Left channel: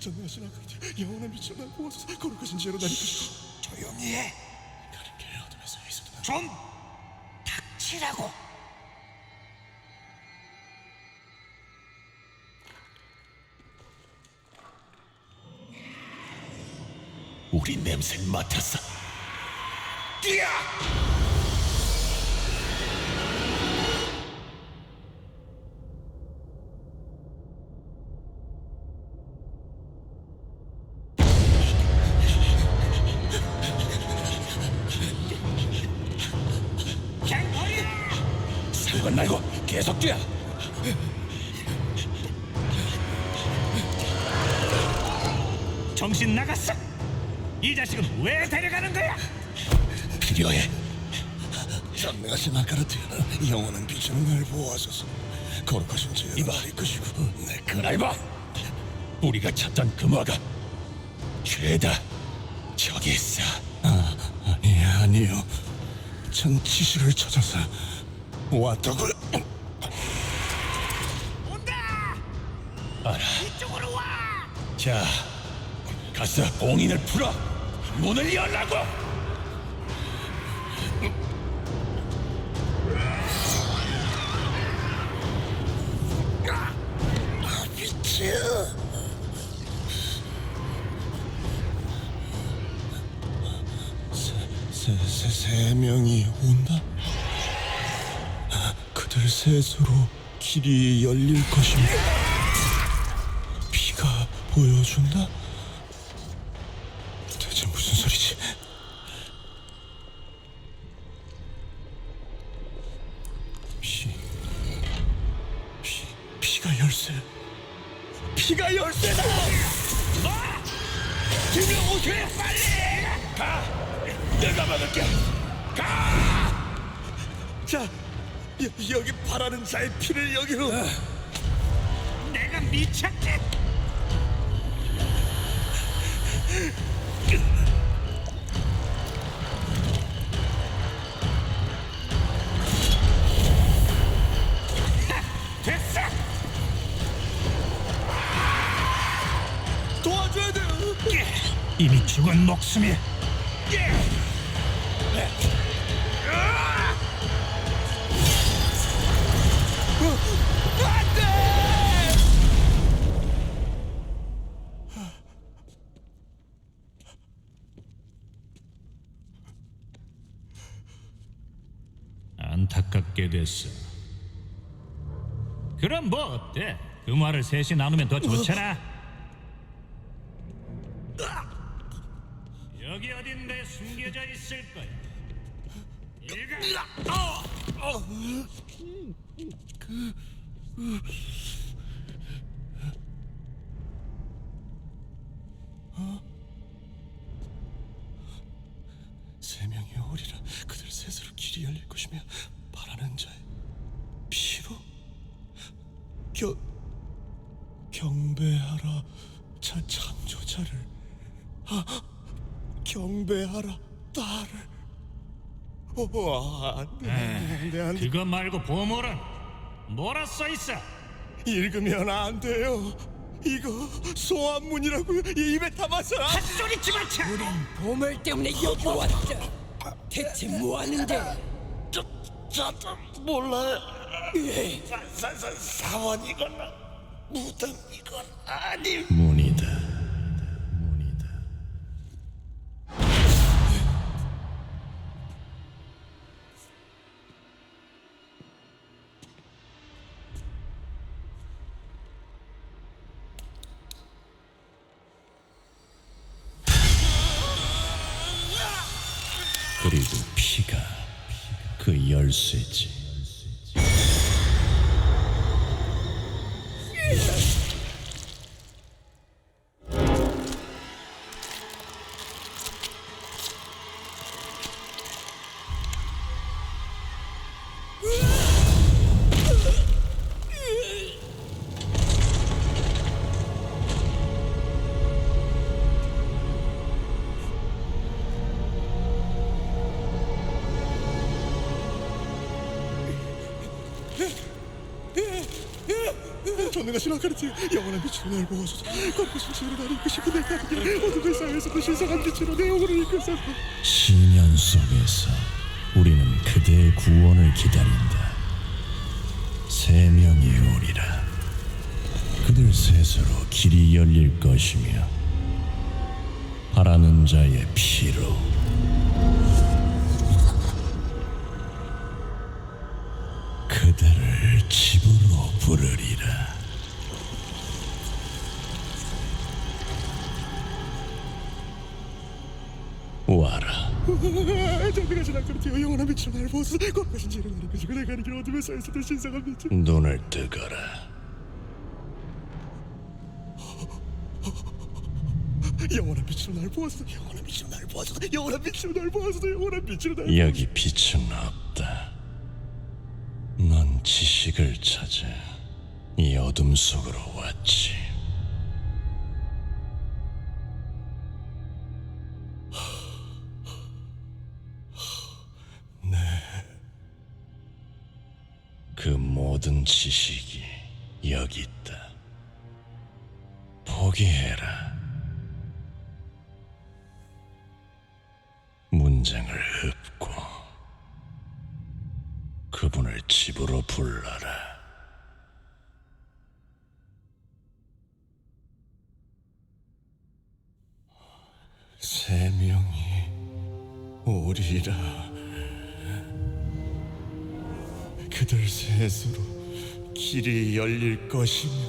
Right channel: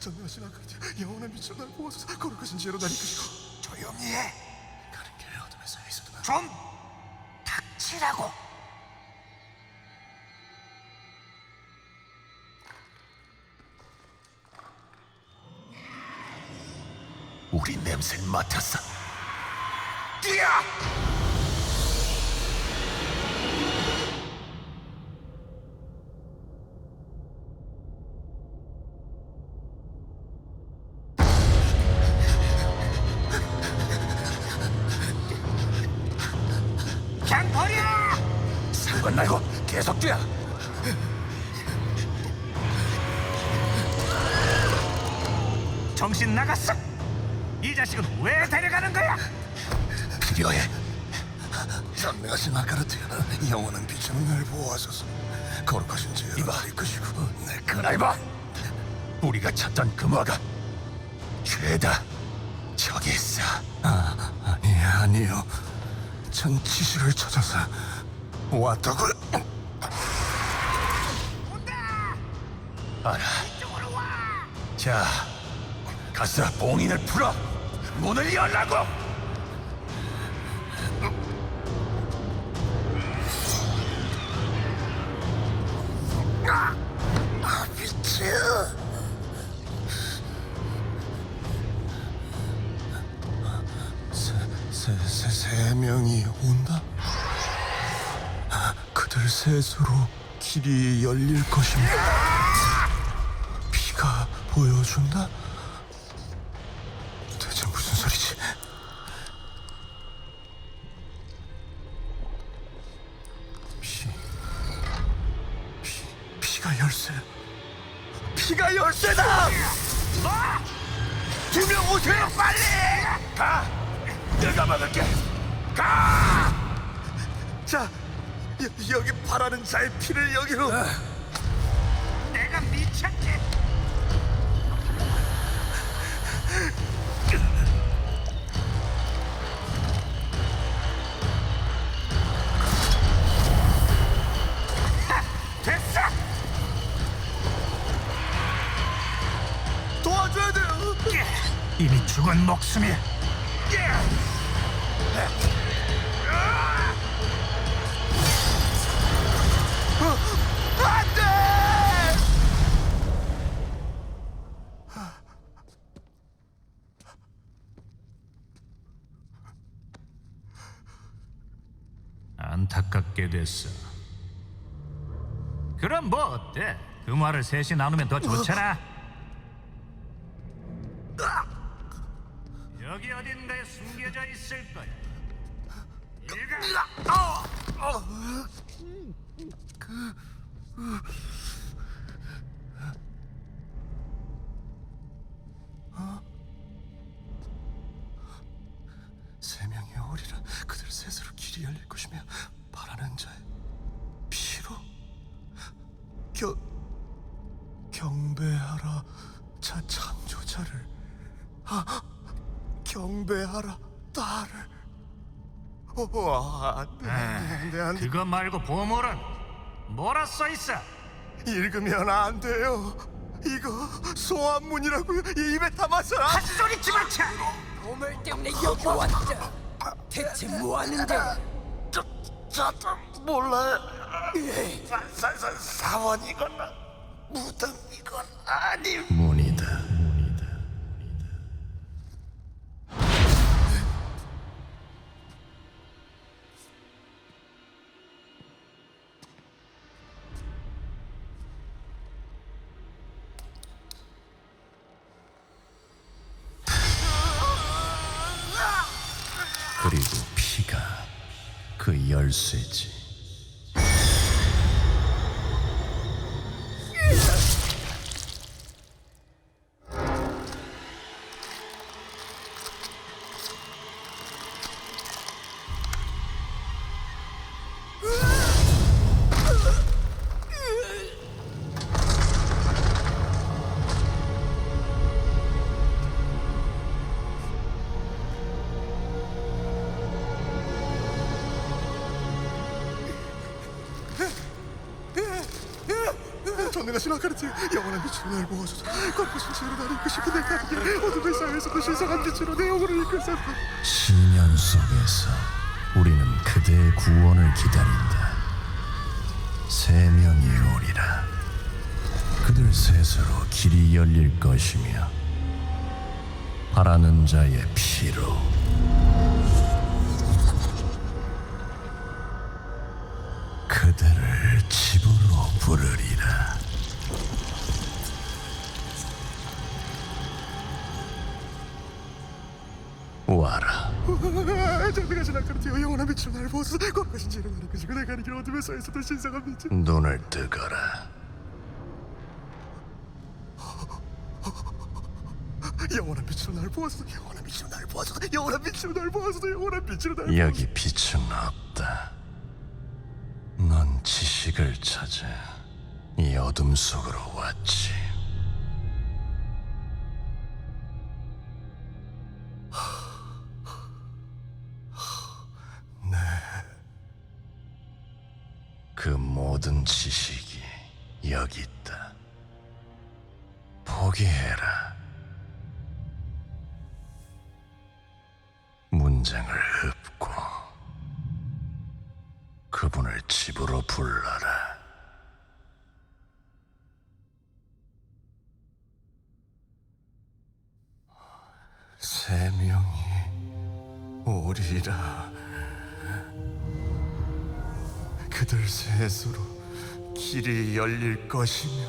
전능하신 아버지, 영원한 빛으로 날 보호하소서. 거룩하신 지혜로 날 이끄시고 조용히 해. 가는 길에 어둠에서 있어도 좀 닥치라고. 우리 냄새를 맡았어. 뛰어! 그냥 버려! 상관 말고 계속 뛰어. 정신 나갔어? 이 자식은 왜 데려가는 거야? 필요해. 전능하신 아가르트, 영원한 빛으로 날 보호하소서. 거룩하신 지혜로 날 이끄시고 내 그날 봐. 우리가 찾던 금화가 죄다 저기 있어. 아니요. 전 지시를 찾아서 왔다고. 온다! 알아. 이쪽으로 와! 자, 가서 봉인을 풀어. 문을 열라고. 빛이. 세 명이 온다. 그들 셋으로 길이 열릴 것입니다. 피가 보여준다. 대체 무슨 소리지? 피가 열쇠. 피가 열쇠다. 뭐? 두 명 오세요, 빨리! 가. 내가 막을게. 가. 자, 여기 바라는 자의 피를 여기로. 내가 미쳤지? 됐어! 도와줘야 돼요. 이미 죽은 목숨이야. 안 돼! 안타깝게 됐어. 그럼 뭐 어때? 금화를 셋이 나누면 더 좋잖아. 여기 어딘가에 숨겨져 있을 거야. 일가. 세 명이 오리라. 그들 셋으로 길이 열릴 것이며 바라는 자의 피로 경배하라. 창조자를. 경배하라 딸을. 안 돼. 그거 말고 보물은 뭐라 써 있어? 읽으면 안 돼요. 이거 소환문이라고요. 입에 담아서. 헛소리 집어쳐! 보물 때문에 여기 왔다. 대체 뭐 하는데? 저도 몰라요. 사원이거나 무덤이거나 아님. 문이다. 그리고 피가 그 열쇠지. 전능하신 아카르트 영원한 빛으로 날 보호소서 거룩하신 지혜로 날 이끄시고 내가 함께 어둠의 사회에서도 신성한 빛으로 내 영혼을 이끄소서. 시련 속에서 우리는 그대의 구원을 기다린다. 세 명이 오리라. 그들 셋으로 길이 열릴 것이며 바라는 자의 피로 그들을 집으로 부르리라. 와라. 전능하신 아카르트 영원한 빛으로 날 보호소서 거룩하신 지혜로 날 이끄시고 내가 가는 길 어둠의 사회에서도 신성한 빛. 눈을 뜨거라. 영원한 빛으로 날 보호소서 영원한 빛으로 날 보호소서 영원한 빛으로 날 보호소서 영원한 빛으로 날 여기 빛은 없다. 넌 지식을 찾아 이 어둠 속으로 왔지. 네. 그 모든 지식이 여기 있다. 포기해라. 문장을 읊고 그분을 집으로 불러라. 세 명이 오리라. 그들 셋으로 길이 열릴 것이며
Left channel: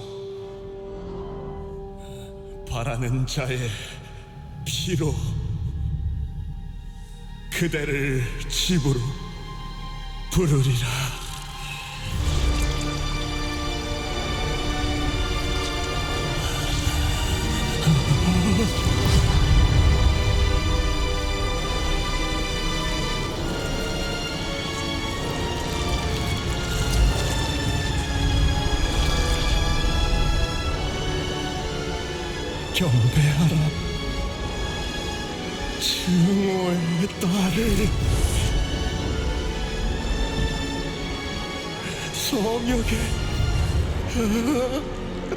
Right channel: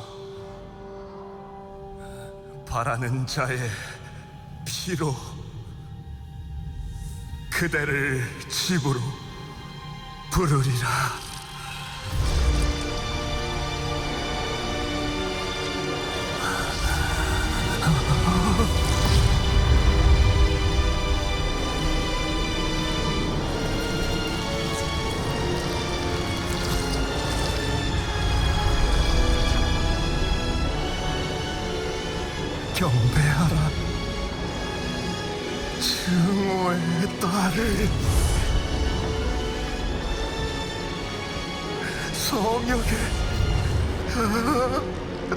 바라는 자의 피로 그대를 집으로 부르리라. 경배하라. 증오의 딸을 성역의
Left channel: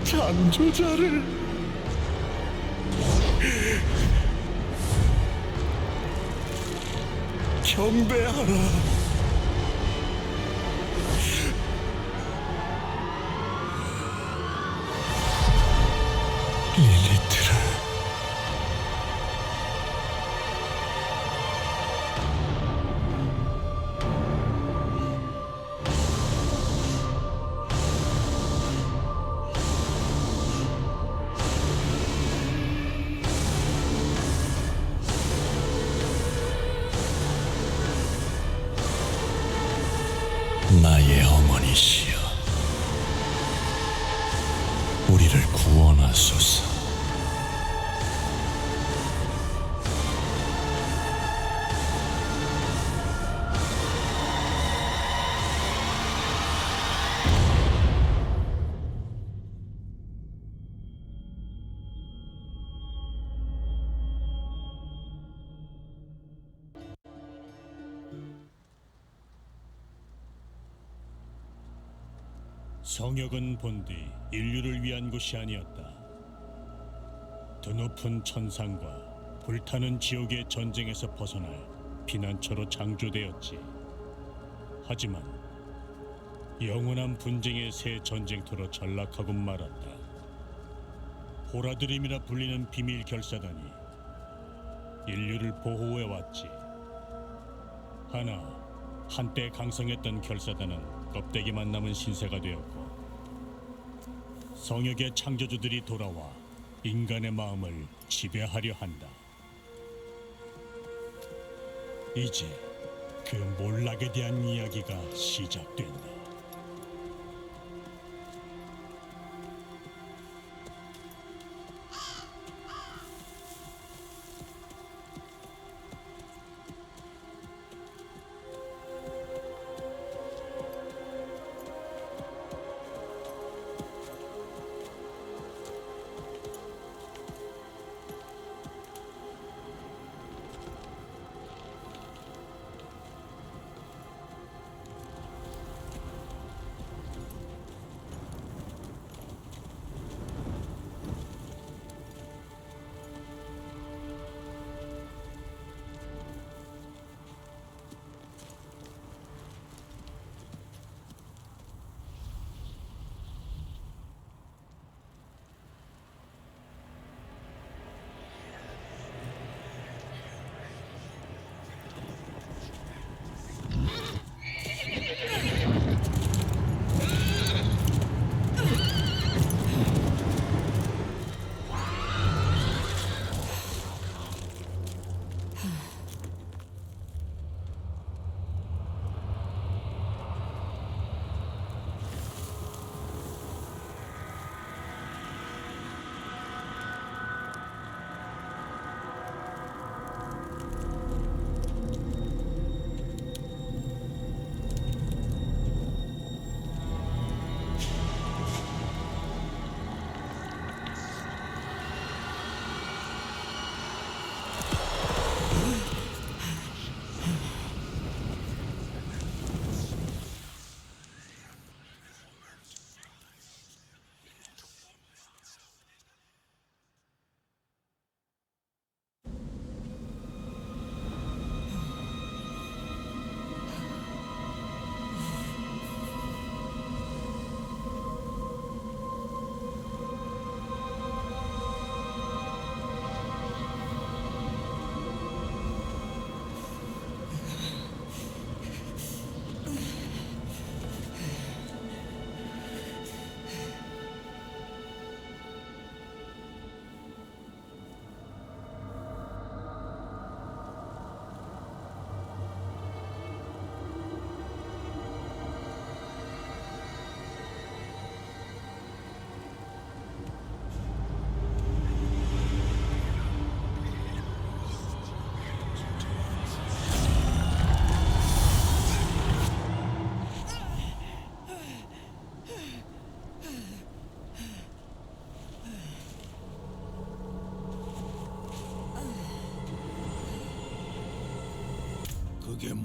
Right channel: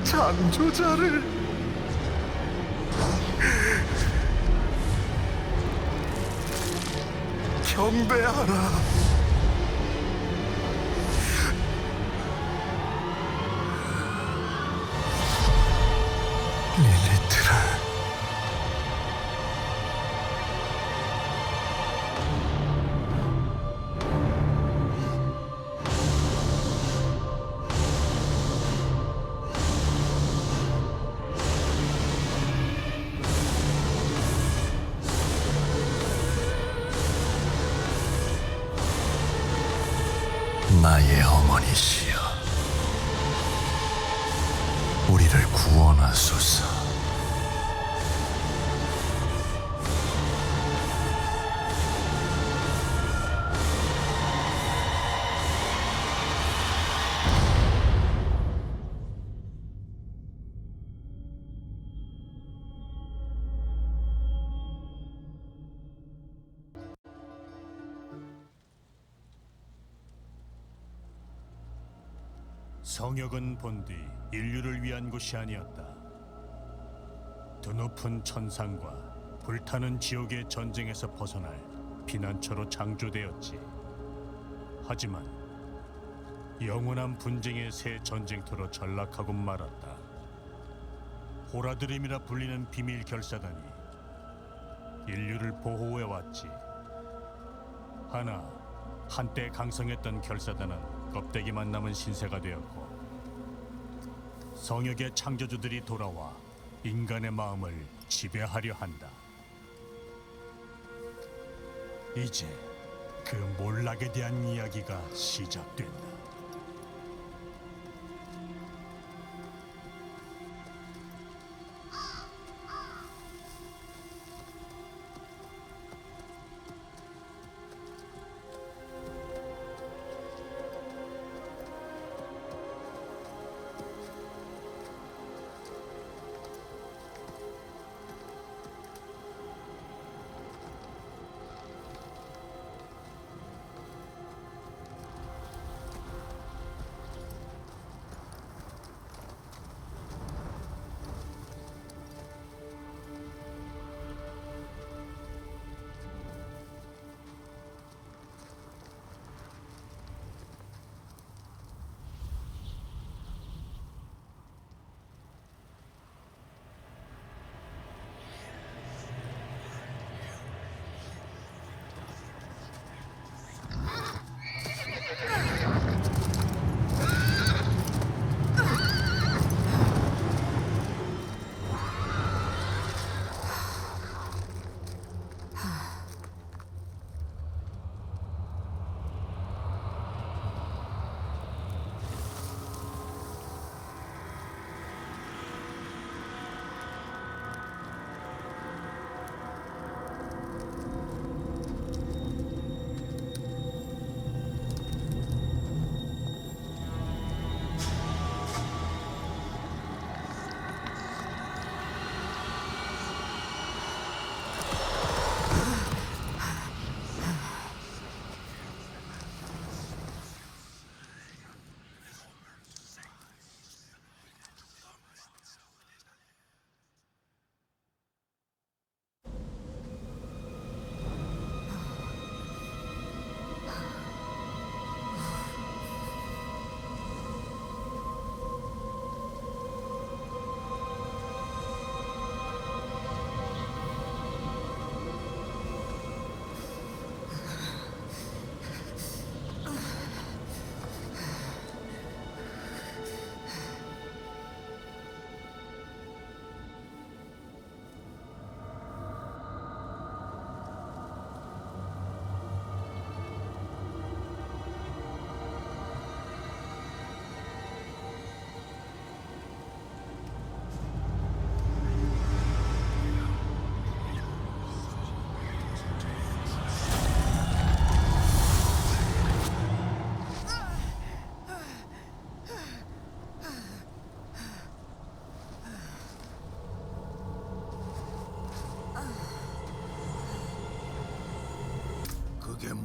창조자를 경배하라. 릴리트를 나의 어머니시여, 우리를 구원하소서. 성역은 본디 인류를 위한 곳이 아니었다. 드높은 천상과 불타는 지옥의 전쟁에서 벗어날 피난처로 창조되었지. 하지만 영원한 분쟁의 새 전쟁터로 전락하고 말았다. 보라드림이라 불리는 비밀 결사단이 인류를 보호해왔지. 하나 한때 강성했던 결사단은 껍데기만 남은 신세가 되었고, 성역의 창조주들이 돌아와 인간의 마음을 지배하려 한다. 이제 그 몰락에 대한 이야기가 시작된다.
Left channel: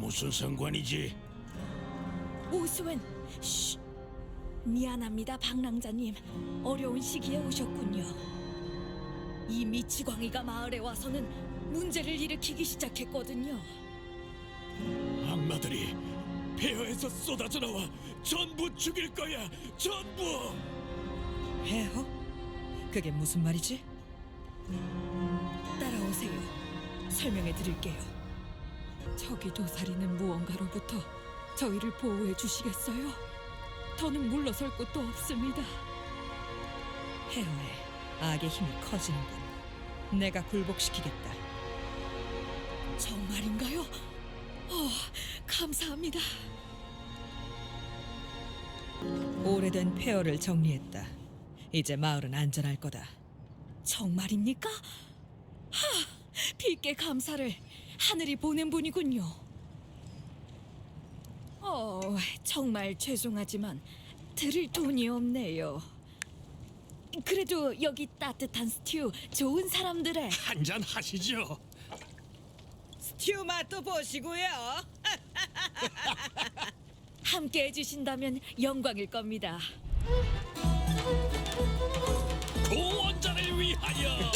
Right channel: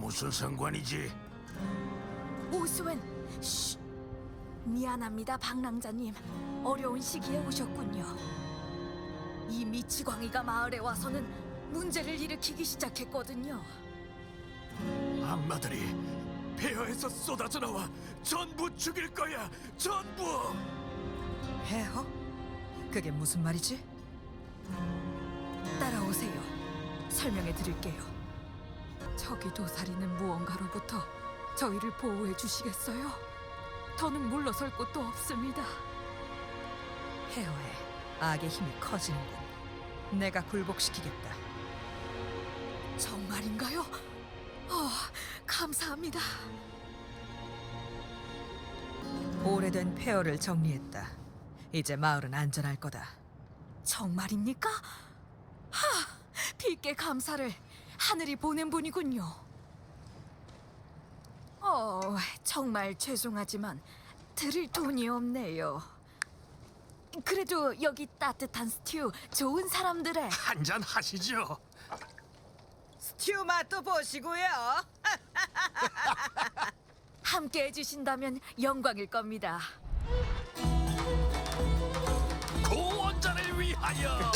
무슨 상관이지? 오스웬, 쉿. 미안합니다, 방랑자님. 어려운 시기에 오셨군요. 이 미치광이가 마을에 와서는 문제를 일으키기 시작했거든요. 악마들이 폐허에서 쏟아져 나와 전부 죽일 거야. 전부. 해허? 그게 무슨 말이지? 따라오세요. 설명해 드릴게요. 저기 도사리는 무언가로부터 저희를 보호해 주시겠어요? 더는 물러설 곳도 없습니다. 해허에 악의 힘이 커지는군. 내가 굴복시키겠다. 정말인가요? 감사합니다. 오래된 폐허를 정리했다. 이제 마을은 안전할 거다. 정말입니까? 빌게 감사를 하늘이 보낸 분이군요. 정말 죄송하지만 드릴 돈이 없네요. 그래도 여기 따뜻한 스튜 좋은 사람들의 한잔 하시죠. 스튜 맛도 보시고요. 함께 해주신다면 영광일 겁니다. 고원자를 위하여.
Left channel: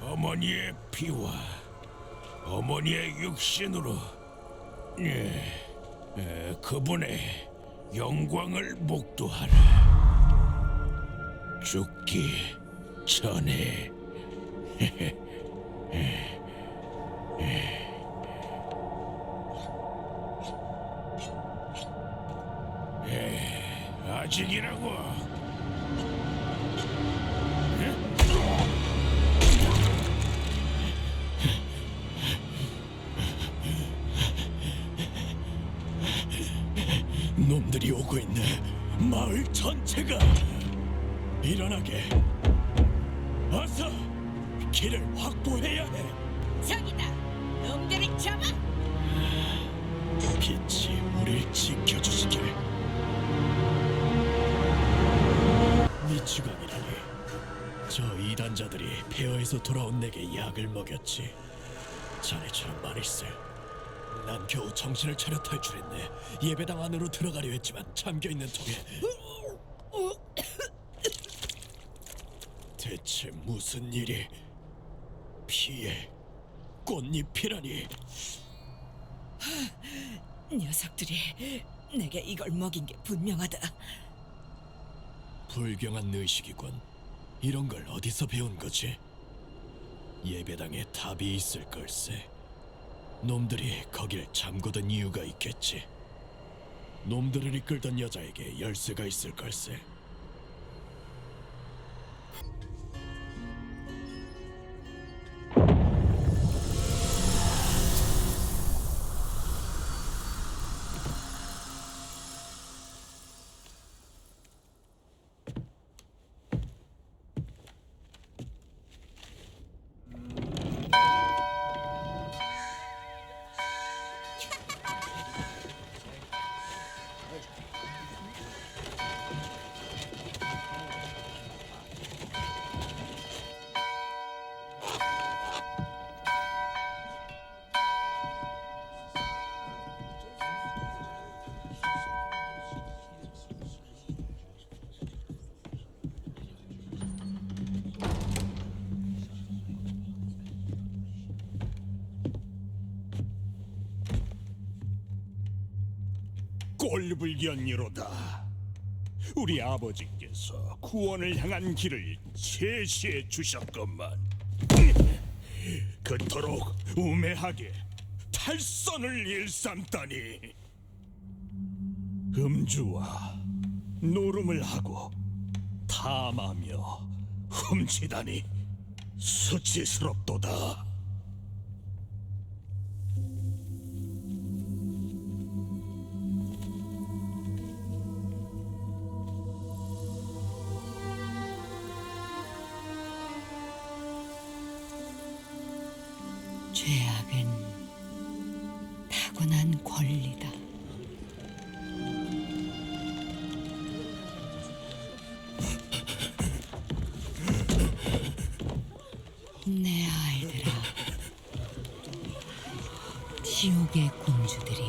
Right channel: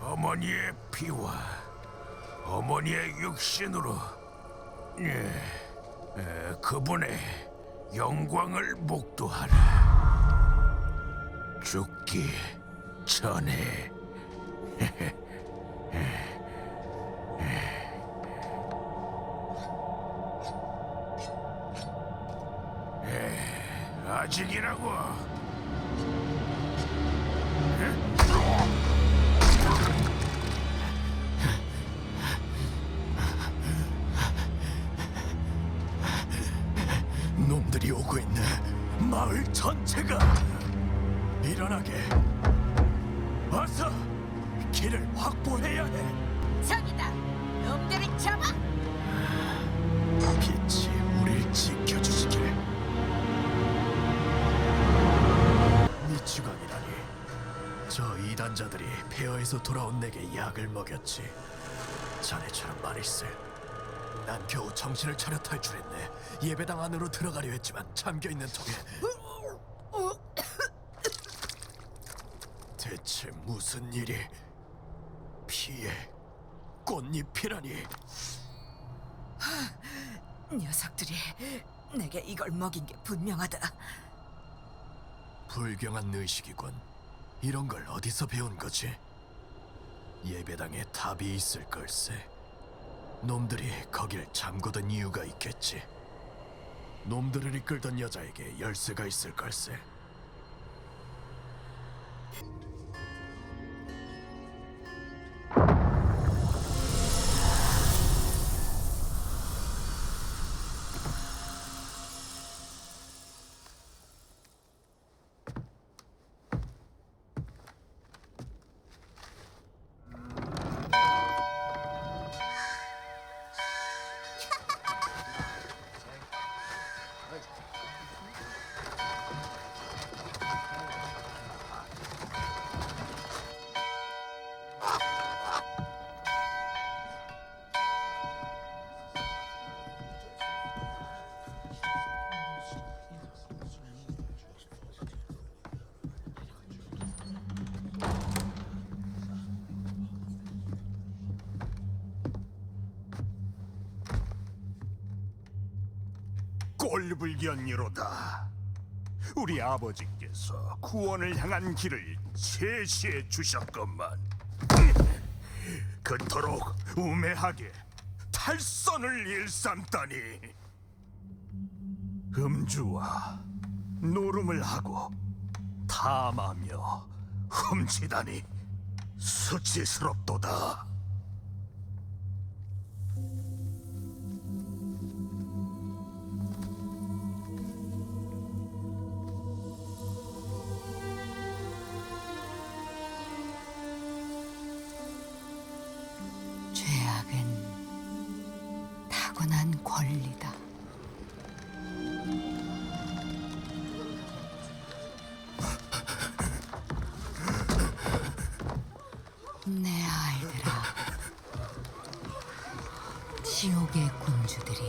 어머니의 피와 어머니의 육신으로 그분의 영광을 목도하라. 죽기 전에. 아직이라고. 놈들이 오고 있네. 마을 전체가 일어나게. 어서 길을 확보해야 해. 저기다! 놈들을 잡아! 빛이 우릴 지켜주시길. 미치광이라니. 저 이단 중환자들이 폐허에서 돌아온 내게 약을 먹였지. 자네처럼 말일세. 난 겨우 정신을 차려 탈출했네. 예배당 안으로 들어가려 했지만 잠겨있는 통에 대체 무슨 일이? 피에 꽃잎이라니. 녀석들이 내게 이걸 먹인 게 분명하다. 불경한 의식이군. 이런 걸 어디서 배운 거지? 예배당에 답이 있을 걸세. 놈들이 거길 잠그던 이유가 있겠지. 놈들을 이끌던 여자에게 열쇠가 있을 걸세. 꼴불견이로다. 우리 아버지께서 구원을 향한 길을 제시해 주셨건만 그토록 우매하게 탈선을 일삼다니. 음주와 노름을 하고 탐하며 훔치다니 수치스럽도다. 죄악은 타고난 권리다. 내 아이들아, 지옥의 군주들이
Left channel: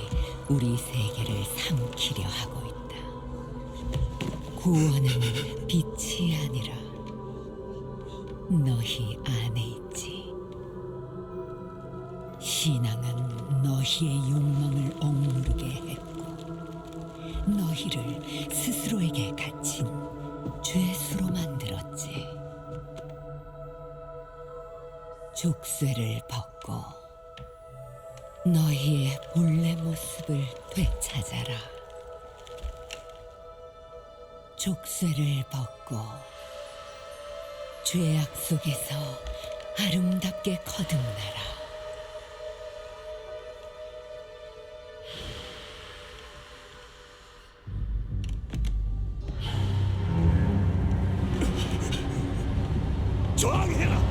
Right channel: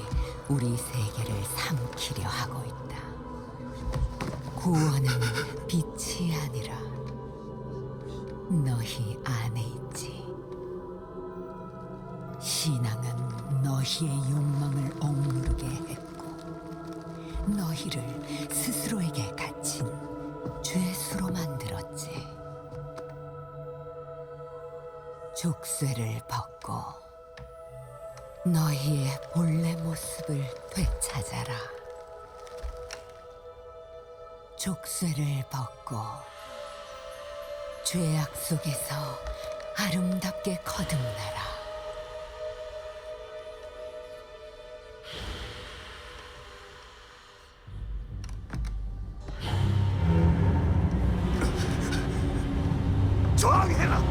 우리 세계를 삼키려 하고 있다. 구원은 빛이 아니라 너희 안에 있지. 신앙은 너희의 욕망을 억누르게 했고 너희를 스스로에게 갇힌 죄수로 만들었지. 족쇄를 벗고 너희의 본래 모습을 되찾아라. 족쇄를 벗고 죄악 속에서 아름답게 거듭나라. 저항해라.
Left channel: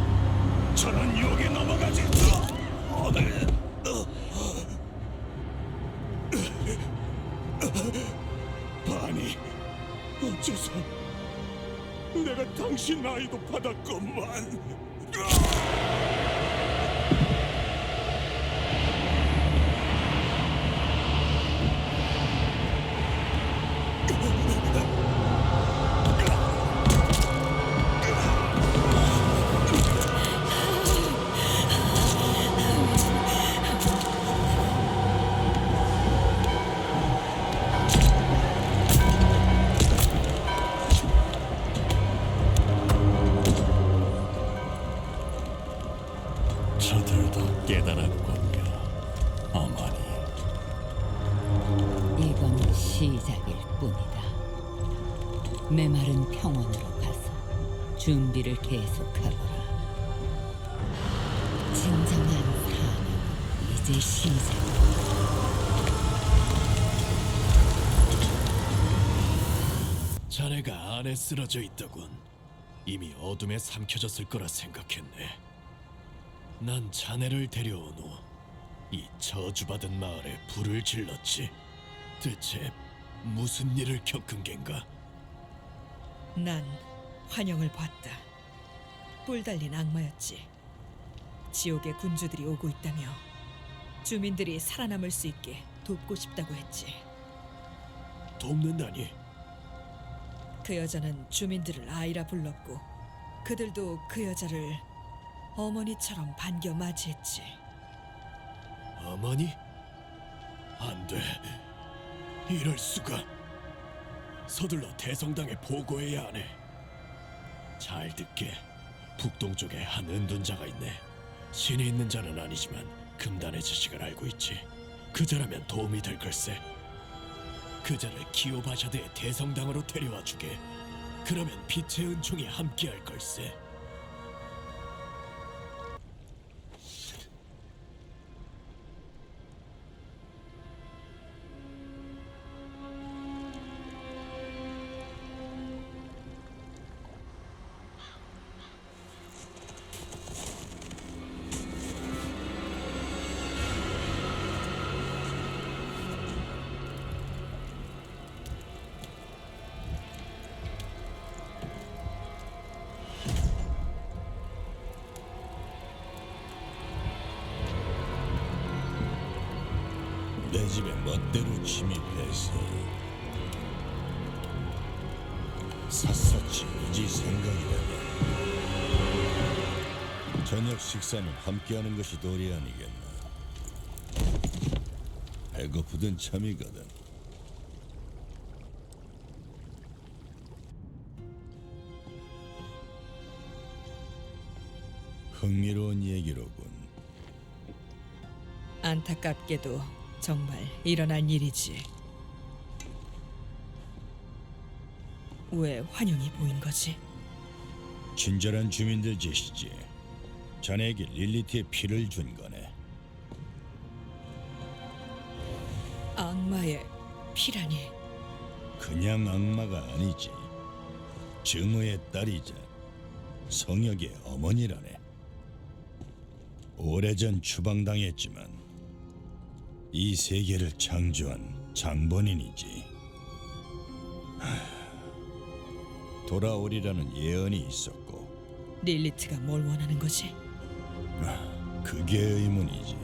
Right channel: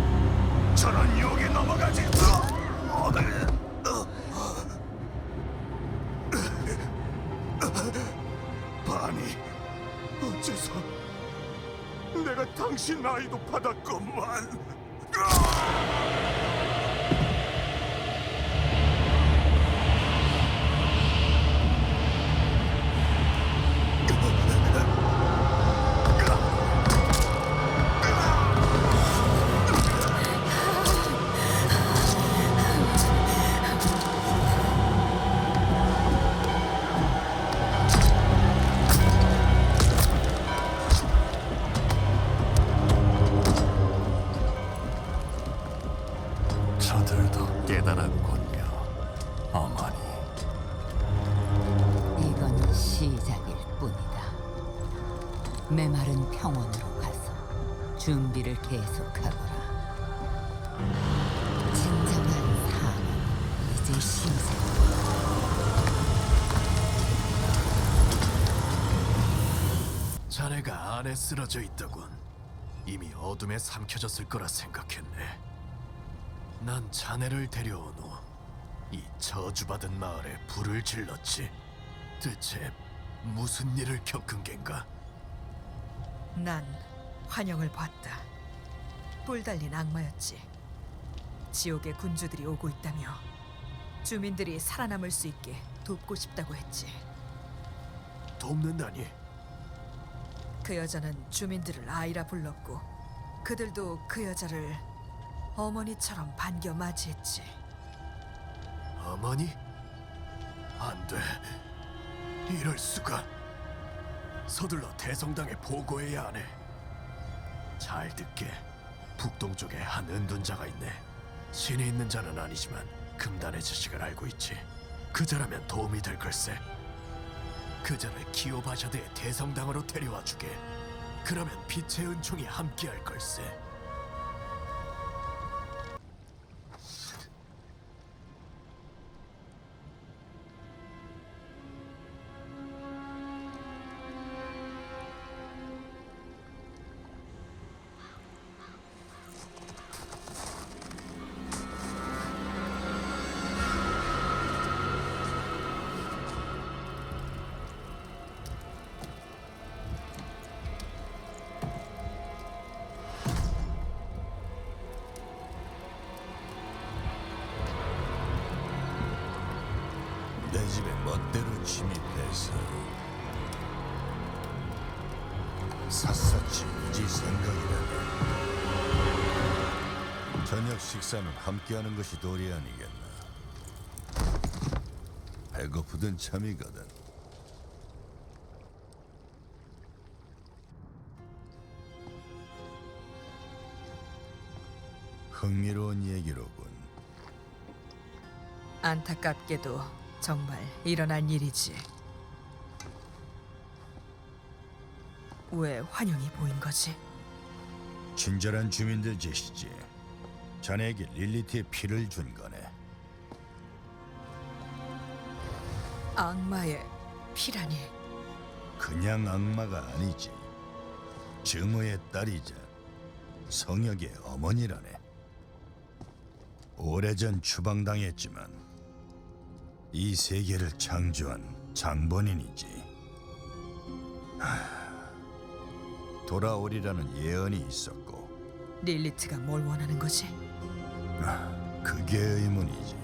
저런 유혹에 넘어가지. 바니, 어째서 내가 당신 아이도 받았건만. 저들도 깨달았군요, 어머니. 이건 시작일 뿐이다. 메마른 평원으로 가서 준비를 계속하거라. 진정한 삶은 이제 시작이다. 자네가 안에 쓰러져 있더군. 이미 어둠에 삼켜졌을 거라 생각했네. 난 자네를 데려온 후 이 저주받은 마을에 불을 질렀지. 대체 무슨 일을 겪은 겐가? 난 환영을 받다. 뿔 달린 악마였지. 지옥의 군주들이 오고 있다며 주민들이 살아남을 수 있게 돕고 싶다고 했지. 돕는다니. 그 여자는 주민들을 아이라 불렀고 그들도 그 여자를 어머니처럼 반겨 맞이했지. 어머니? 안 돼. 이럴 수가. 서둘러 대성당에 보고해야 하네. 잘 듣게. 북동쪽에 한 은둔자가 있네. 신이 있는 자는 아니지만 금단의 지식을 알고 있지. 그 자라면 도움이 될 걸세. 그 자를 기오바샤드의 대성당으로 데려와 주게. 그러면 빛의 은총이 함께할 걸세. 내 집에 멋대로 침입해서 샅샅이 이지 생각이라네. 저녁 식사는 함께하는 것이 도리 아니겠나. 배고프든 참이거든. 흥미로운 얘기로군. 안타깝게도 정말 일어난 일이지. 왜 환영이 보인 거지? 친절한 주민들 짓이지. 자네에게 릴리트의 피를 준 거네. 악마의 피라니. 그냥 악마가 아니지. 증오의 딸이자 성역의 어머니라네. 오래전 추방당했지만 이 세계를 창조한 장본인이지. 돌아오리라는 예언이 있었고 릴리트가 뭘 원하는 거지? 그게 의문이지.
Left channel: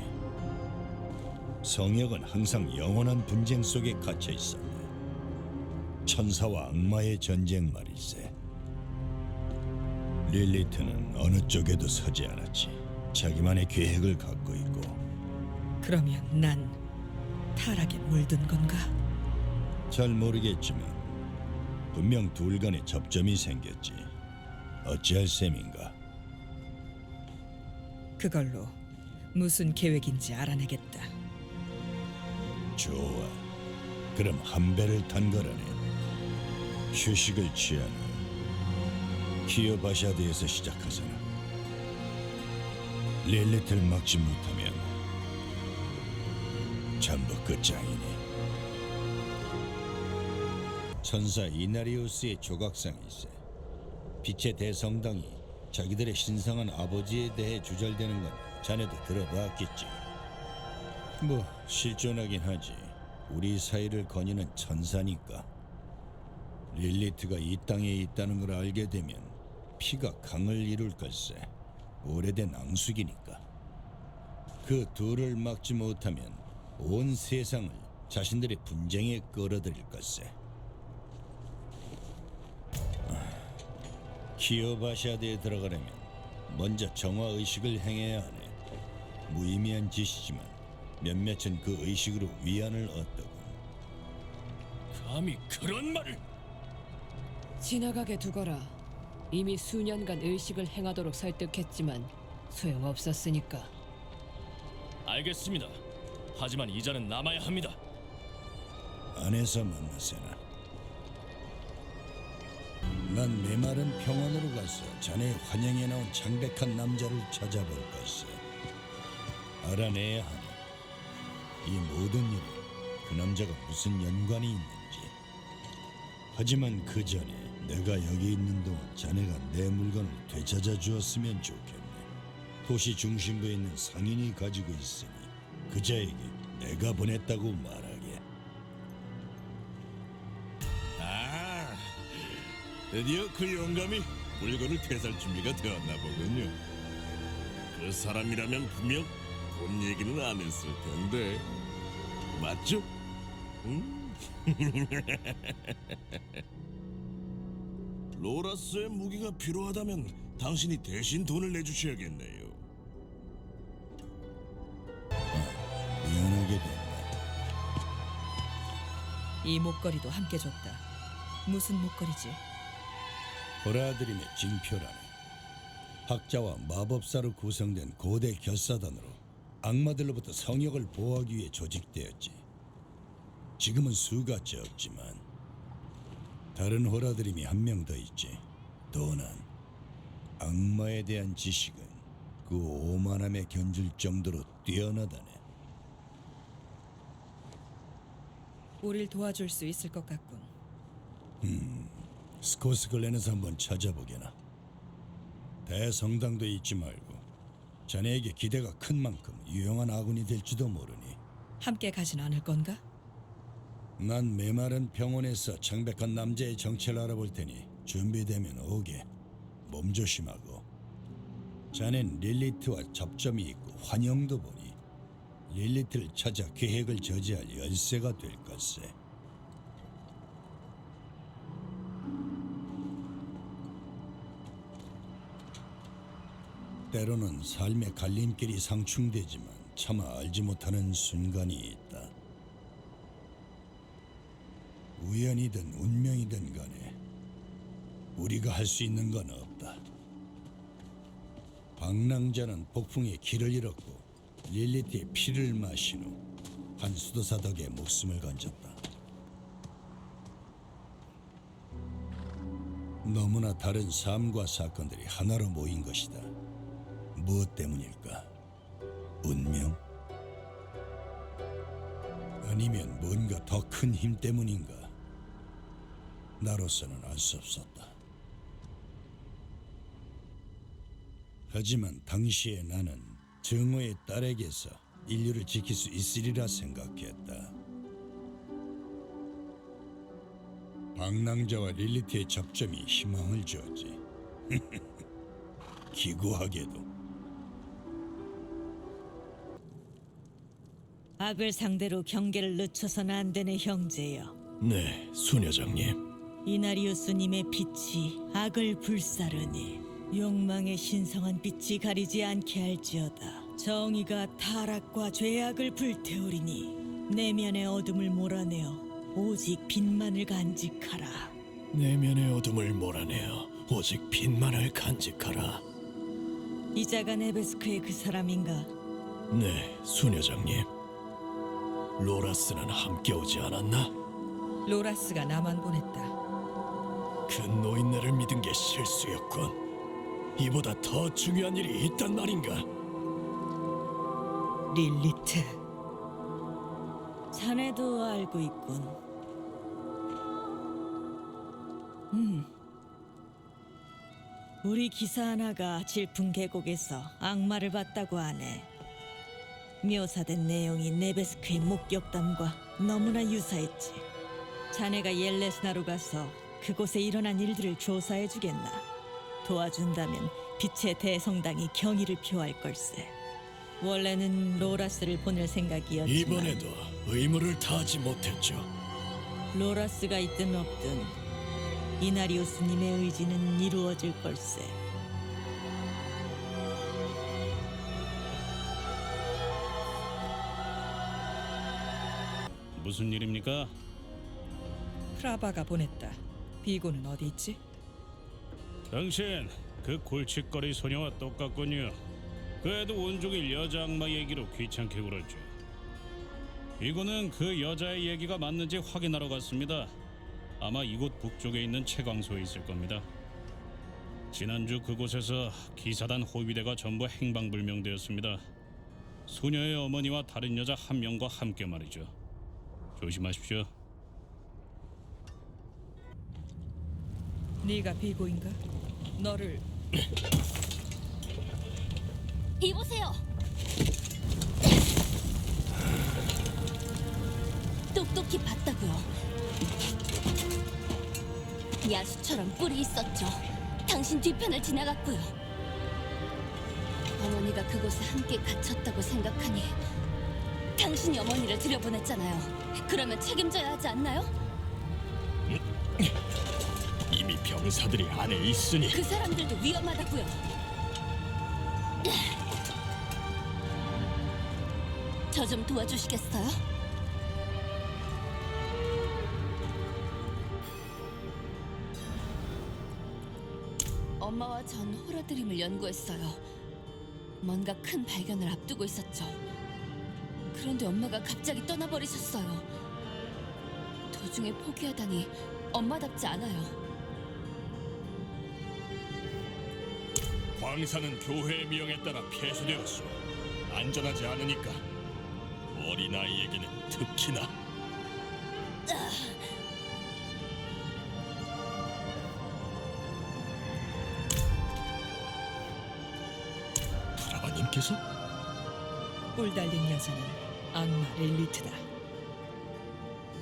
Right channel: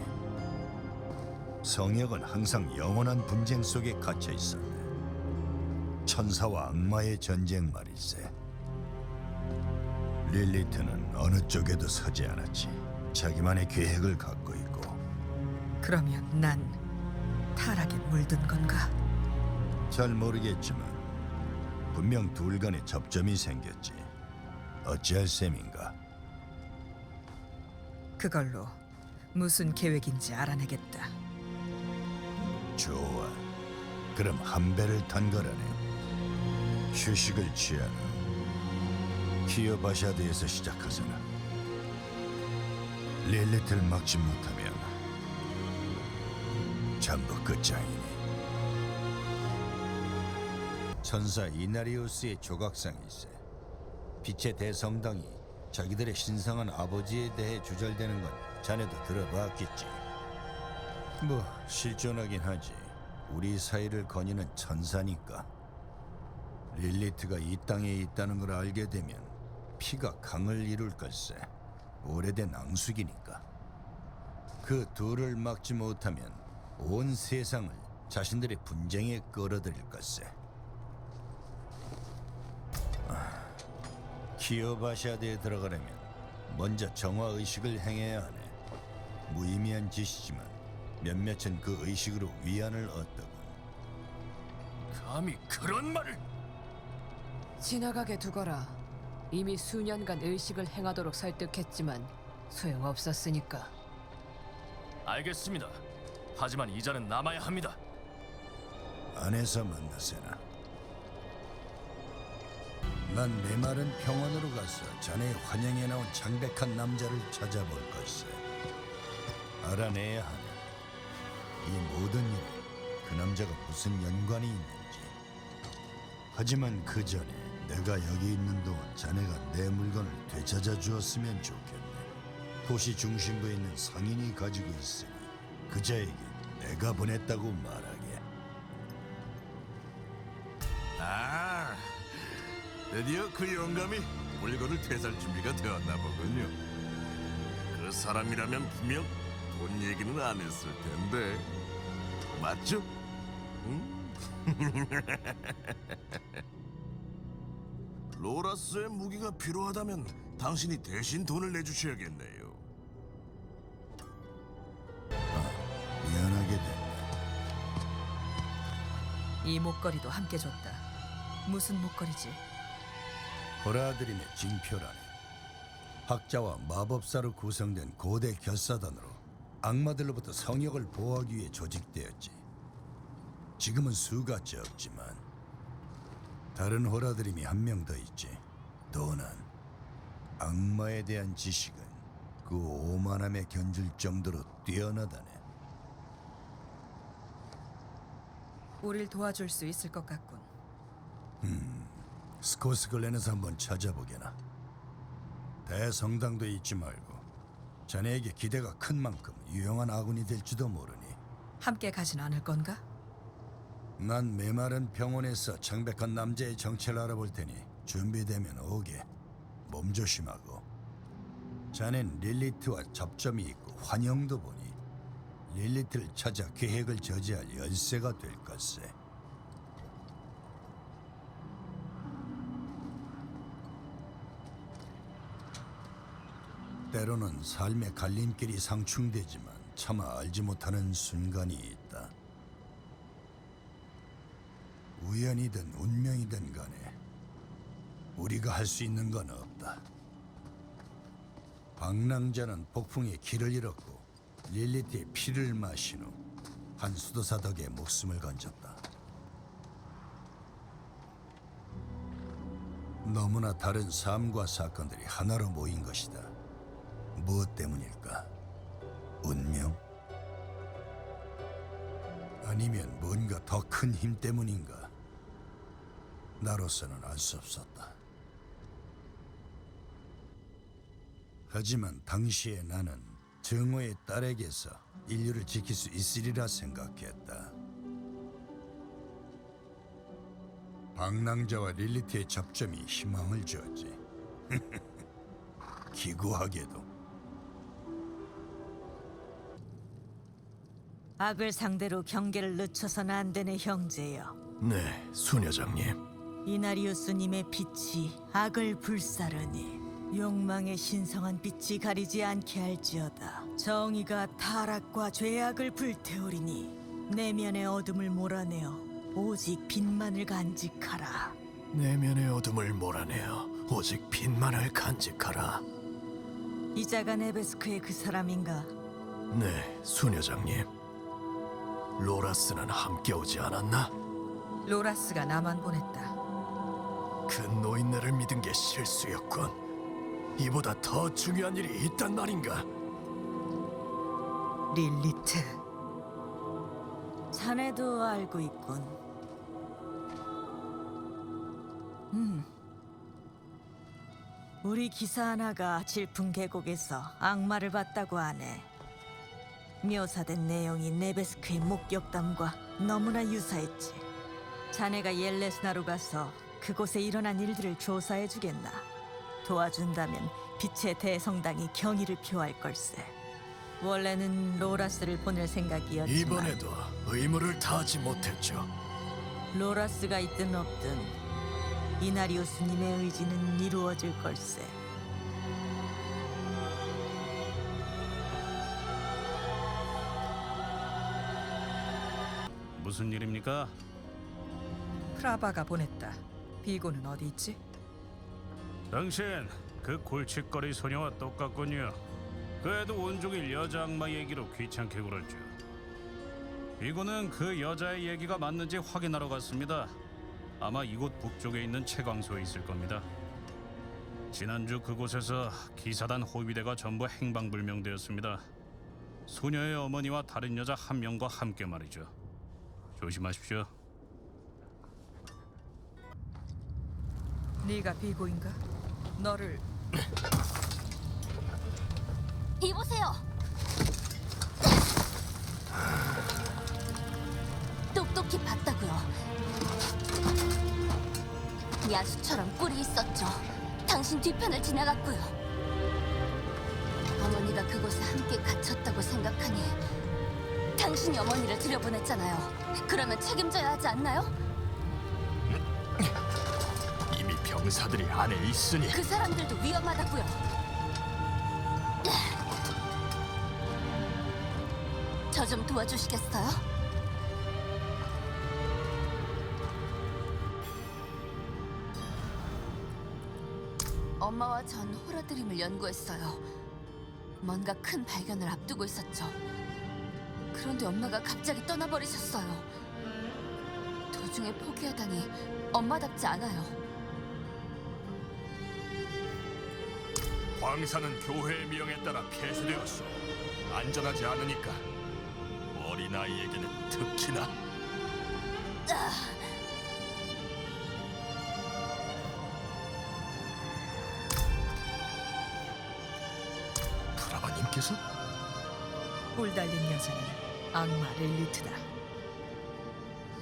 성역은 항상 영원한 분쟁 속에 갇혀 있었네. 천사와 악마의 전쟁 말일세. 릴리트는 어느 쪽에도 서지 않았지. 자기만의 계획을 갖고 있고. 그러면 난 타락에 물든 건가? 잘 모르겠지만 분명 둘 간에 접점이 생겼지. 어찌할 셈인가? 그걸로 무슨 계획인지 알아내겠다. 좋아. 그럼 한 배를 탄 거라네. 휴식을 취하는 키오바샤드에서 시작하잖아. 릴리트를 막지 못하면 전부 끝장이니. 천사 이나리우스의 조각상일세. 빛의 대성당이 자기들의 신성한 아버지에 대해 주절되는 건 자네도 들어봤겠지. 뭐 실존하긴 하지. 우리 사이를 거니는 천사니까. 릴리트가 이 땅에 있다는 걸 알게 되면 피가 강을 이룰 걸세. 오래된 앙숙이니까. 그 둘을 막지 못하면 온 세상을 자신들의 분쟁에 끌어들일 걸세. 키오바샤드에 들어가려면 먼저 정화의식을 행해야 하네. 무의미한 짓이지만 몇몇은 그 의식으로 위안을 얻더군. 감히 그런 말을! 지나가게 두거라. 이미 수년간 의식을 행하도록 설득했지만 소용없었으니까. 알겠습니다. 하지만 이자는 남아야 합니다. 안에서 만나세나. 난 메마른 평원으로 가서 자네 환영에 나온 창백한 남자를 찾아볼 것을 알아내야 하네. 이 모든 일에 그 남자가 무슨 연관이 있는지. 하지만 그 전에 내가 여기 있는 동안 자네가 내 물건을 되찾아 주었으면 좋겠네. 도시 중심부에 있는 상인이 가지고 있으니 그자에게 내가 보냈다고 말하게. 아, 드디어 그 영감이 물건을 되살 준비가 되었나 보군요. 그 사람이라면 분명 돈 얘기는 안 했을 텐데 맞죠? 응? 로라스의 무기가 필요하다면 당신이 대신 돈을 내주셔야겠네요. 미안하게 됐네. 이 목걸이도 함께 줬다. 무슨 목걸이지? 호라드림의 징표라네. 학자와 마법사로 구성된 고대 결사단으로 악마들로부터 성역을 보호하기 위해 조직되었지. 지금은 수가 적지만 다른 호라드림이 한 명 더 있지. 또한 악마에 대한 지식은 그 오만함에 견줄 정도로 뛰어나다네. 우릴 도와줄 수 있을 것 같군. 스코스글랜에서 한번 찾아보게나. 대성당도 잊지 말고 자네에게 기대가 큰 만큼 유용한 아군이 될지도 모르니. 함께 가진 않을 건가? 난 메마른 병원에서 창백한 남자의 정체를 알아볼 테니 준비되면 오게. 몸 조심하고. 자넨 릴리트와 접점이 있고 환영도 보니 릴리트를 찾아 계획을 저지할 열쇠가 될 것세. 때로는 삶의 갈림길이 상충되지만 차마 알지 못하는 순간이 있다. 우연이든 운명이든 간에 우리가 할 수 있는 건 없다. 방랑자는 폭풍에 길을 잃었고 릴리트의 피를 마신 후 한 수도사 덕에 목숨을 건졌다. 너무나 다른 삶과 사건들이 하나로 모인 것이다. 무엇 때문일까? 운명? 아니면 뭔가 더 큰 힘 때문인가? 나로서는 알 수 없었다. 하지만 당시에 나는 정오의 딸에게서 인류를 지킬 수 있으리라 생각했다. 방랑자와 릴리트의 접점이 희망을 주었지. 기구하게도. 악을 상대로 경계를 늦춰서는 안 되네, 형제여. 네, 수녀장님. 이나리우스님의 빛이 악을 불사르니 욕망의 신성한 빛이 가리지 않게 할지어다. 정의가 타락과 죄악을 불태우리니 내면의 어둠을 몰아내어 오직 빛만을 간직하라. 내면의 어둠을 몰아내어 오직 빛만을 간직하라. 이자가 네베스크의 그 사람인가? 네, 수녀장님. 로라스는 함께 오지 않았나? 로라스가 나만 보냈다. 그 노인네를 믿은 게 실수였군. 이보다 더 중요한 일이 있단 말인가? 릴리트. 자네도 알고 있군. 우리 기사 하나가 질풍 계곡에서 악마를 봤다고 하네. 묘사된 내용이 네베스크의 목격담과 너무나 유사했지. 자네가 옐레스나로 가서 그곳에 일어난 일들을 조사해주겠나? 도와준다면 빛의 대성당이 경의를 표할 걸세. 원래는 로라스를 보낼 생각이었지만 이번에도 의무를 다하지 못했죠. 로라스가 있든 없든 이나리우스님의 의지는 이루어질 걸세. 무슨 일입니까? 프라바가 보냈다. 비고는 어디 있지? 당신 그 골칫거리 소녀와 똑같군요. 그 애도 온종일 여자 악마 얘기로 귀찮게 굴었죠. 이거는 그 여자의 얘기가 맞는지 확인하러 갔습니다. 아마 이곳 북쪽에 있는 채광소에 있을 겁니다. 지난주 그곳에서 기사단 호위대가 전부 행방불명되었습니다. 소녀의 어머니와 다른 여자 한 명과 함께 말이죠. 조심하십시오. 네가 비고인가? 너를 이보세요. 똑똑히 봤다고요. 야수처럼 뿔이 있었죠. 당신 뒤편을 지나갔고요. 어머니가 그곳에 함께 갇혔다고 생각하니 당신이 어머니를 들여보냈잖아요. 그러면 책임져야 하지 않나요? 이미 병사들이 안에 있으니 그 사람들도 위험하다고요. 저 좀 도와주시겠어요? 엄마와 전 호라드림을 연구했어요. 뭔가 큰 발견을 앞두고 있었죠. 그런데 엄마가 갑자기 떠나버리셨어요. 도중에 포기하다니 엄마답지 않아요. 광산은 교회의 명에 따라 폐쇄되었소. 안전하지 않으니까 어린아이에게는 특히나. 프라바님께서? 뿔 달린 여자는 악마 렐리트다.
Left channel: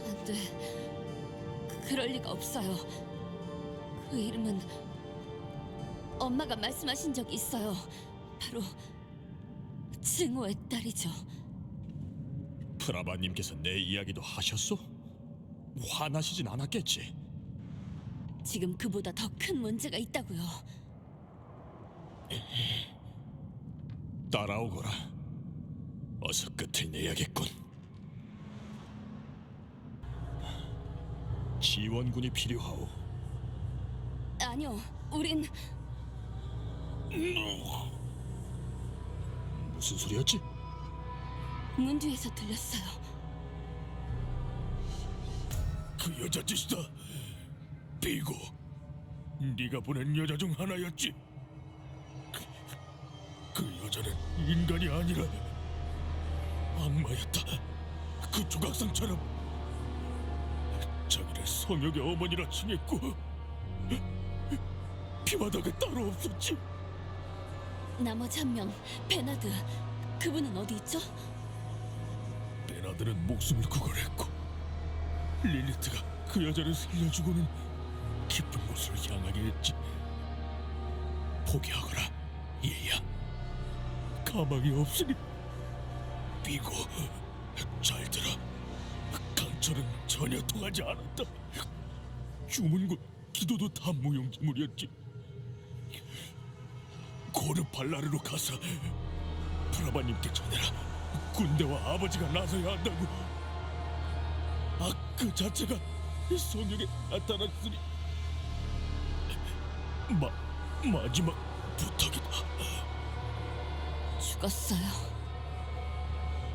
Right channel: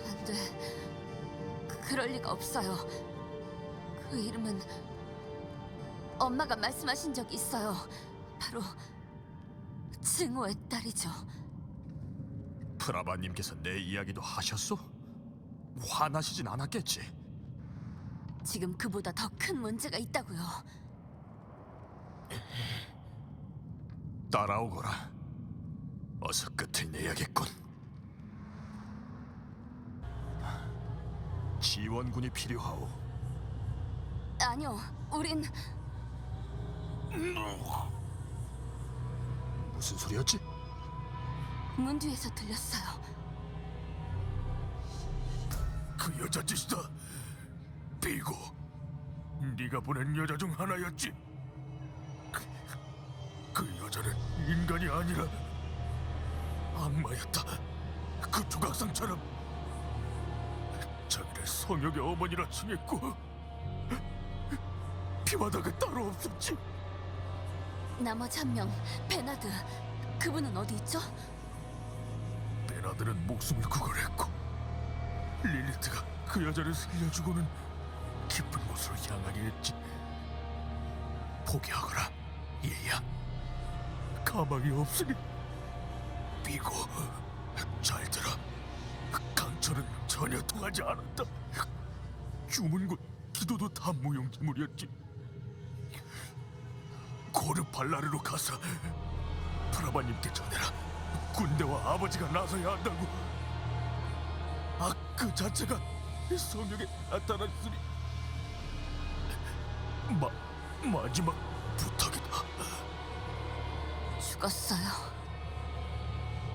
안 돼. 그럴 리가 없어요. 그 이름은 엄마가 말씀하신 적이 있어요. 바로 증오의 딸이죠. 프라바님께서 내 이야기도 하셨소? 화나시진 않았겠지? 지금 그보다 더 큰 문제가 있다고요. 따라오거라. 어서 끝을 내야겠군. 지원군이 필요하오. 아니요, 우린 무슨 소리였지? 문 뒤에서 들렸어요. 그 여자 짓이다. 비고, 네가 보낸 여자 중 하나였지. 그 여자는 인간이 아니라 악마였다. 그 조각상처럼 자기를 성역의 어머니라 칭했고 피바다가 따로 없었지. 나머지 한 명, 베나드. 그분은 어디 있죠? 베나드는 목숨을 구걸했고 릴리트가 그 여자를 살려주고는 깊은 곳으로 향하게 했지. 포기하거라, 얘야. 가망이 없으니. 비고, 잘 들어. 강철은 전혀 통하지 않았다. 주문과 기도도 다 무용지물이었지. 고르팔라르로 가서 프라바님께 전해라. 군대와 아버지가 나서야 한다고. 그 자체가 성역에 나타났으니 마지막 부탁이다. 죽었어요.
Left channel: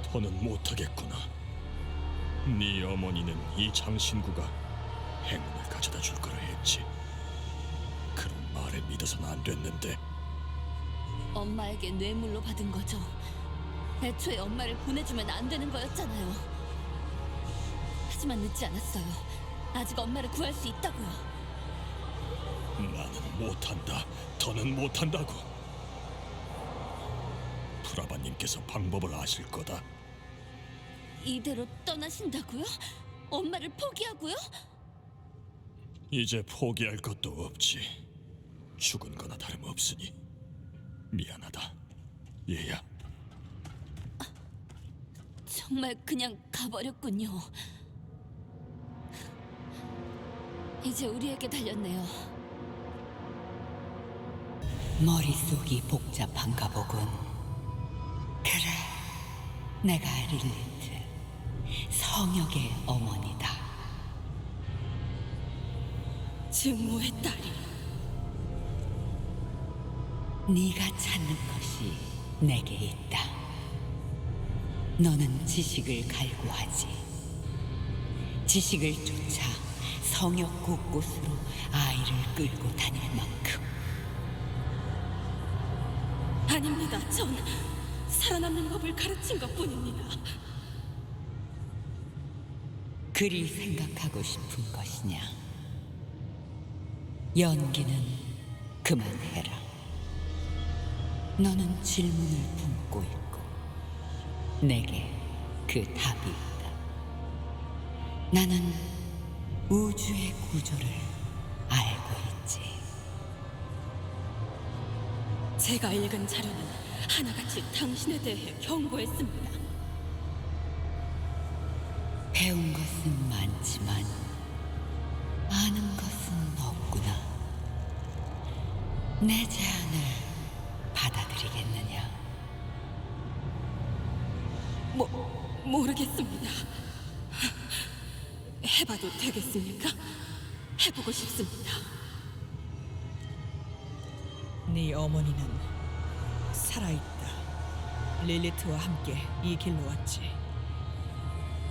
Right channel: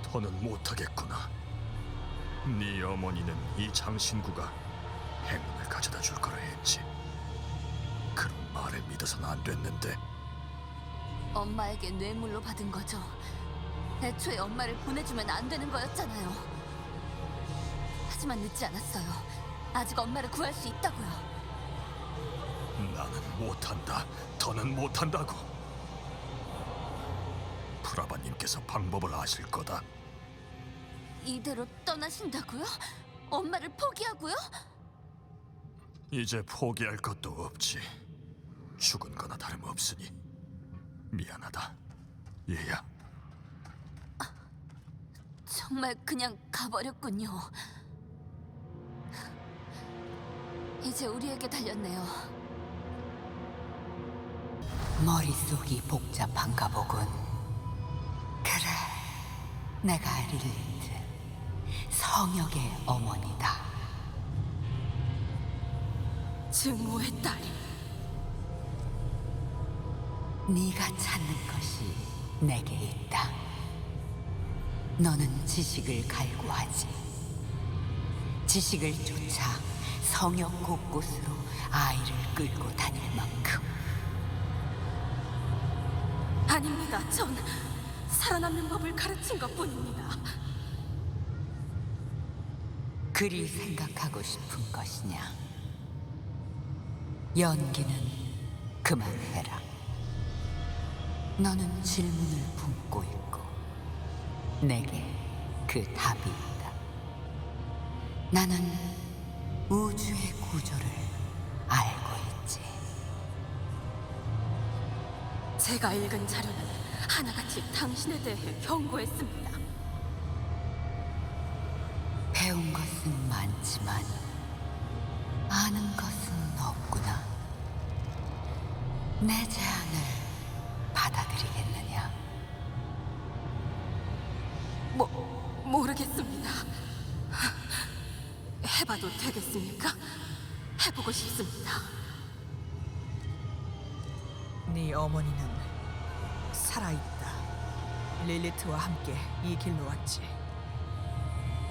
더는 못하겠구나. 네 어머니는 이 장신구가 행운을 가져다 줄 거라 했지. 그런 말을 믿어서는 안 됐는데. 엄마에게 뇌물로 받은 거죠. 애초에 엄마를 보내주면 안 되는 거였잖아요. 하지만 늦지 않았어요. 아직 엄마를 구할 수 있다고요. 나는 못한다. 더는 못한다고. 프라바님께서 방법을 아실 거다. 이대로 떠나신다고요? 엄마를 포기하고요? 이제 포기할 것도 없지. 죽은 거나 다름없으니. 미안하다, 얘야. 정말 그냥 가버렸군요. 이제 우리에게 달렸네요. 머릿속이 복잡한가 보군. 그래, 내가 릴리트, 성역의 어머니다. 증오의 딸이. 네가 찾는 것이 내게 있다. 너는 지식을 갈구하지. 지식을 쫓아 성역 곳곳으로 아이를 끌고 다닐 만큼. 아닙니다. 전 살아남는 법을 가르친 것뿐입니다. 그리 생각하고 싶은 것이냐? 연기는 그만해라. 너는 질문을 품고 있고 내게 그 답이 있다. 나는 우주의 구조를 알고 있지. 제가 읽은 자료는 하나같이 당신에 대해 경고했습니다. 배운 것은 많지만 아는 것은 없구나. 내 제안을 받아들이겠느냐? 모르겠습니다. 해봐도 되겠습니까? 해보고 싶습니다. 네 어머니는 살아있다. 릴리트와 함께 이 길로 왔지.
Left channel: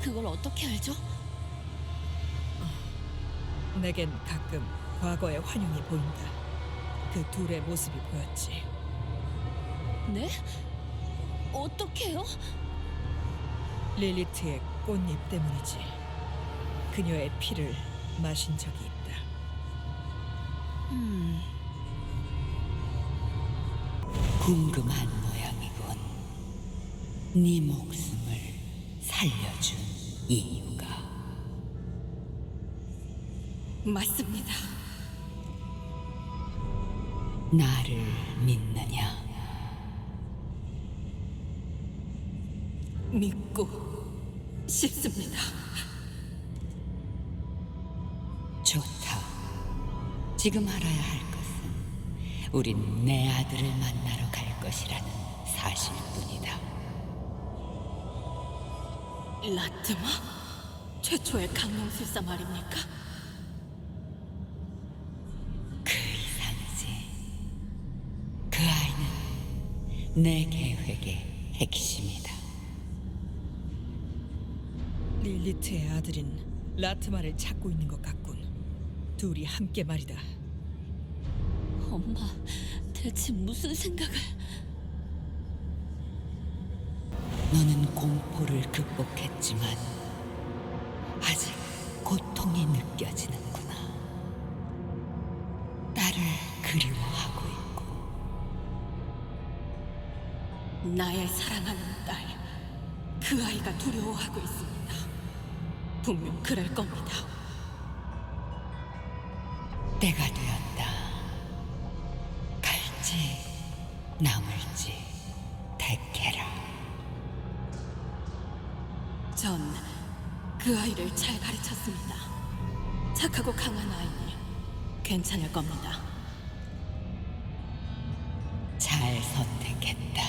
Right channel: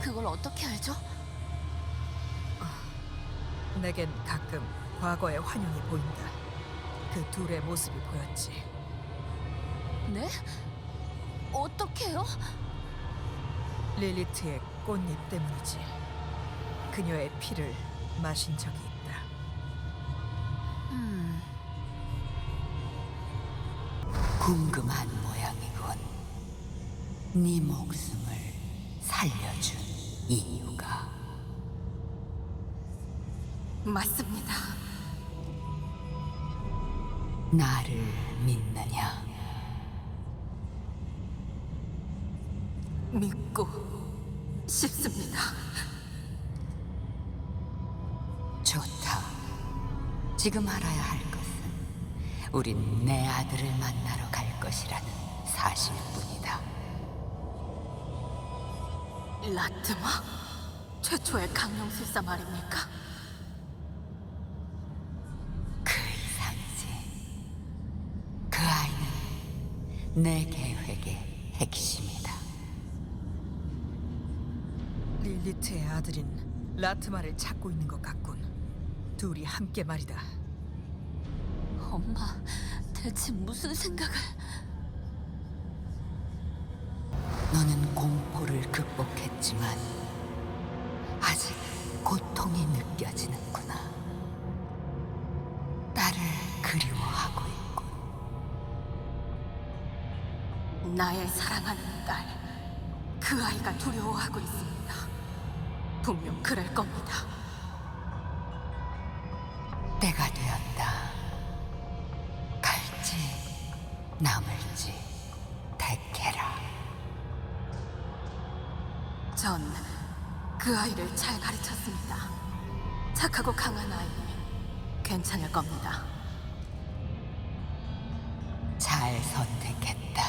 그걸 어떻게 알죠? 내겐 가끔 과거의 환영이 보인다. 그 둘의 모습이 보였지. 네? 어떻게요? 릴리트의 꽃잎 때문이지. 그녀의 피를 마신 적이 있다. 궁금한 모양이군. 네 목숨을 살려준 이유가. 맞습니다. 나를 믿느냐? 믿고 싶습니다. 좋다. 지금 알아야 할 것은 우린 내 아들을 만나러 갈 것이라는 사실뿐이다. 라트마? 최초의 강령술사 말입니까? 그 이상이지. 그 아이는 내 계획의 핵심이다. 릴리트의 아들인 라트마를 찾고 있는 것 같군. 둘이 함께 말이다. 엄마, 대체 무슨 생각을... 너는 공포를 극복했지만 아직 고통이 느껴지는구나. 나를 그리워하고 있군. 나의 사랑하는 딸, 그 아이가 두려워하고 있습니다. 분명 그럴 겁니다. 때가 되었다. 갈지 남을지 택해라. 전 그 아이를 잘 가르쳤습니다. 착하고 강한 아이니 괜찮을 겁니다. 잘 선택했다.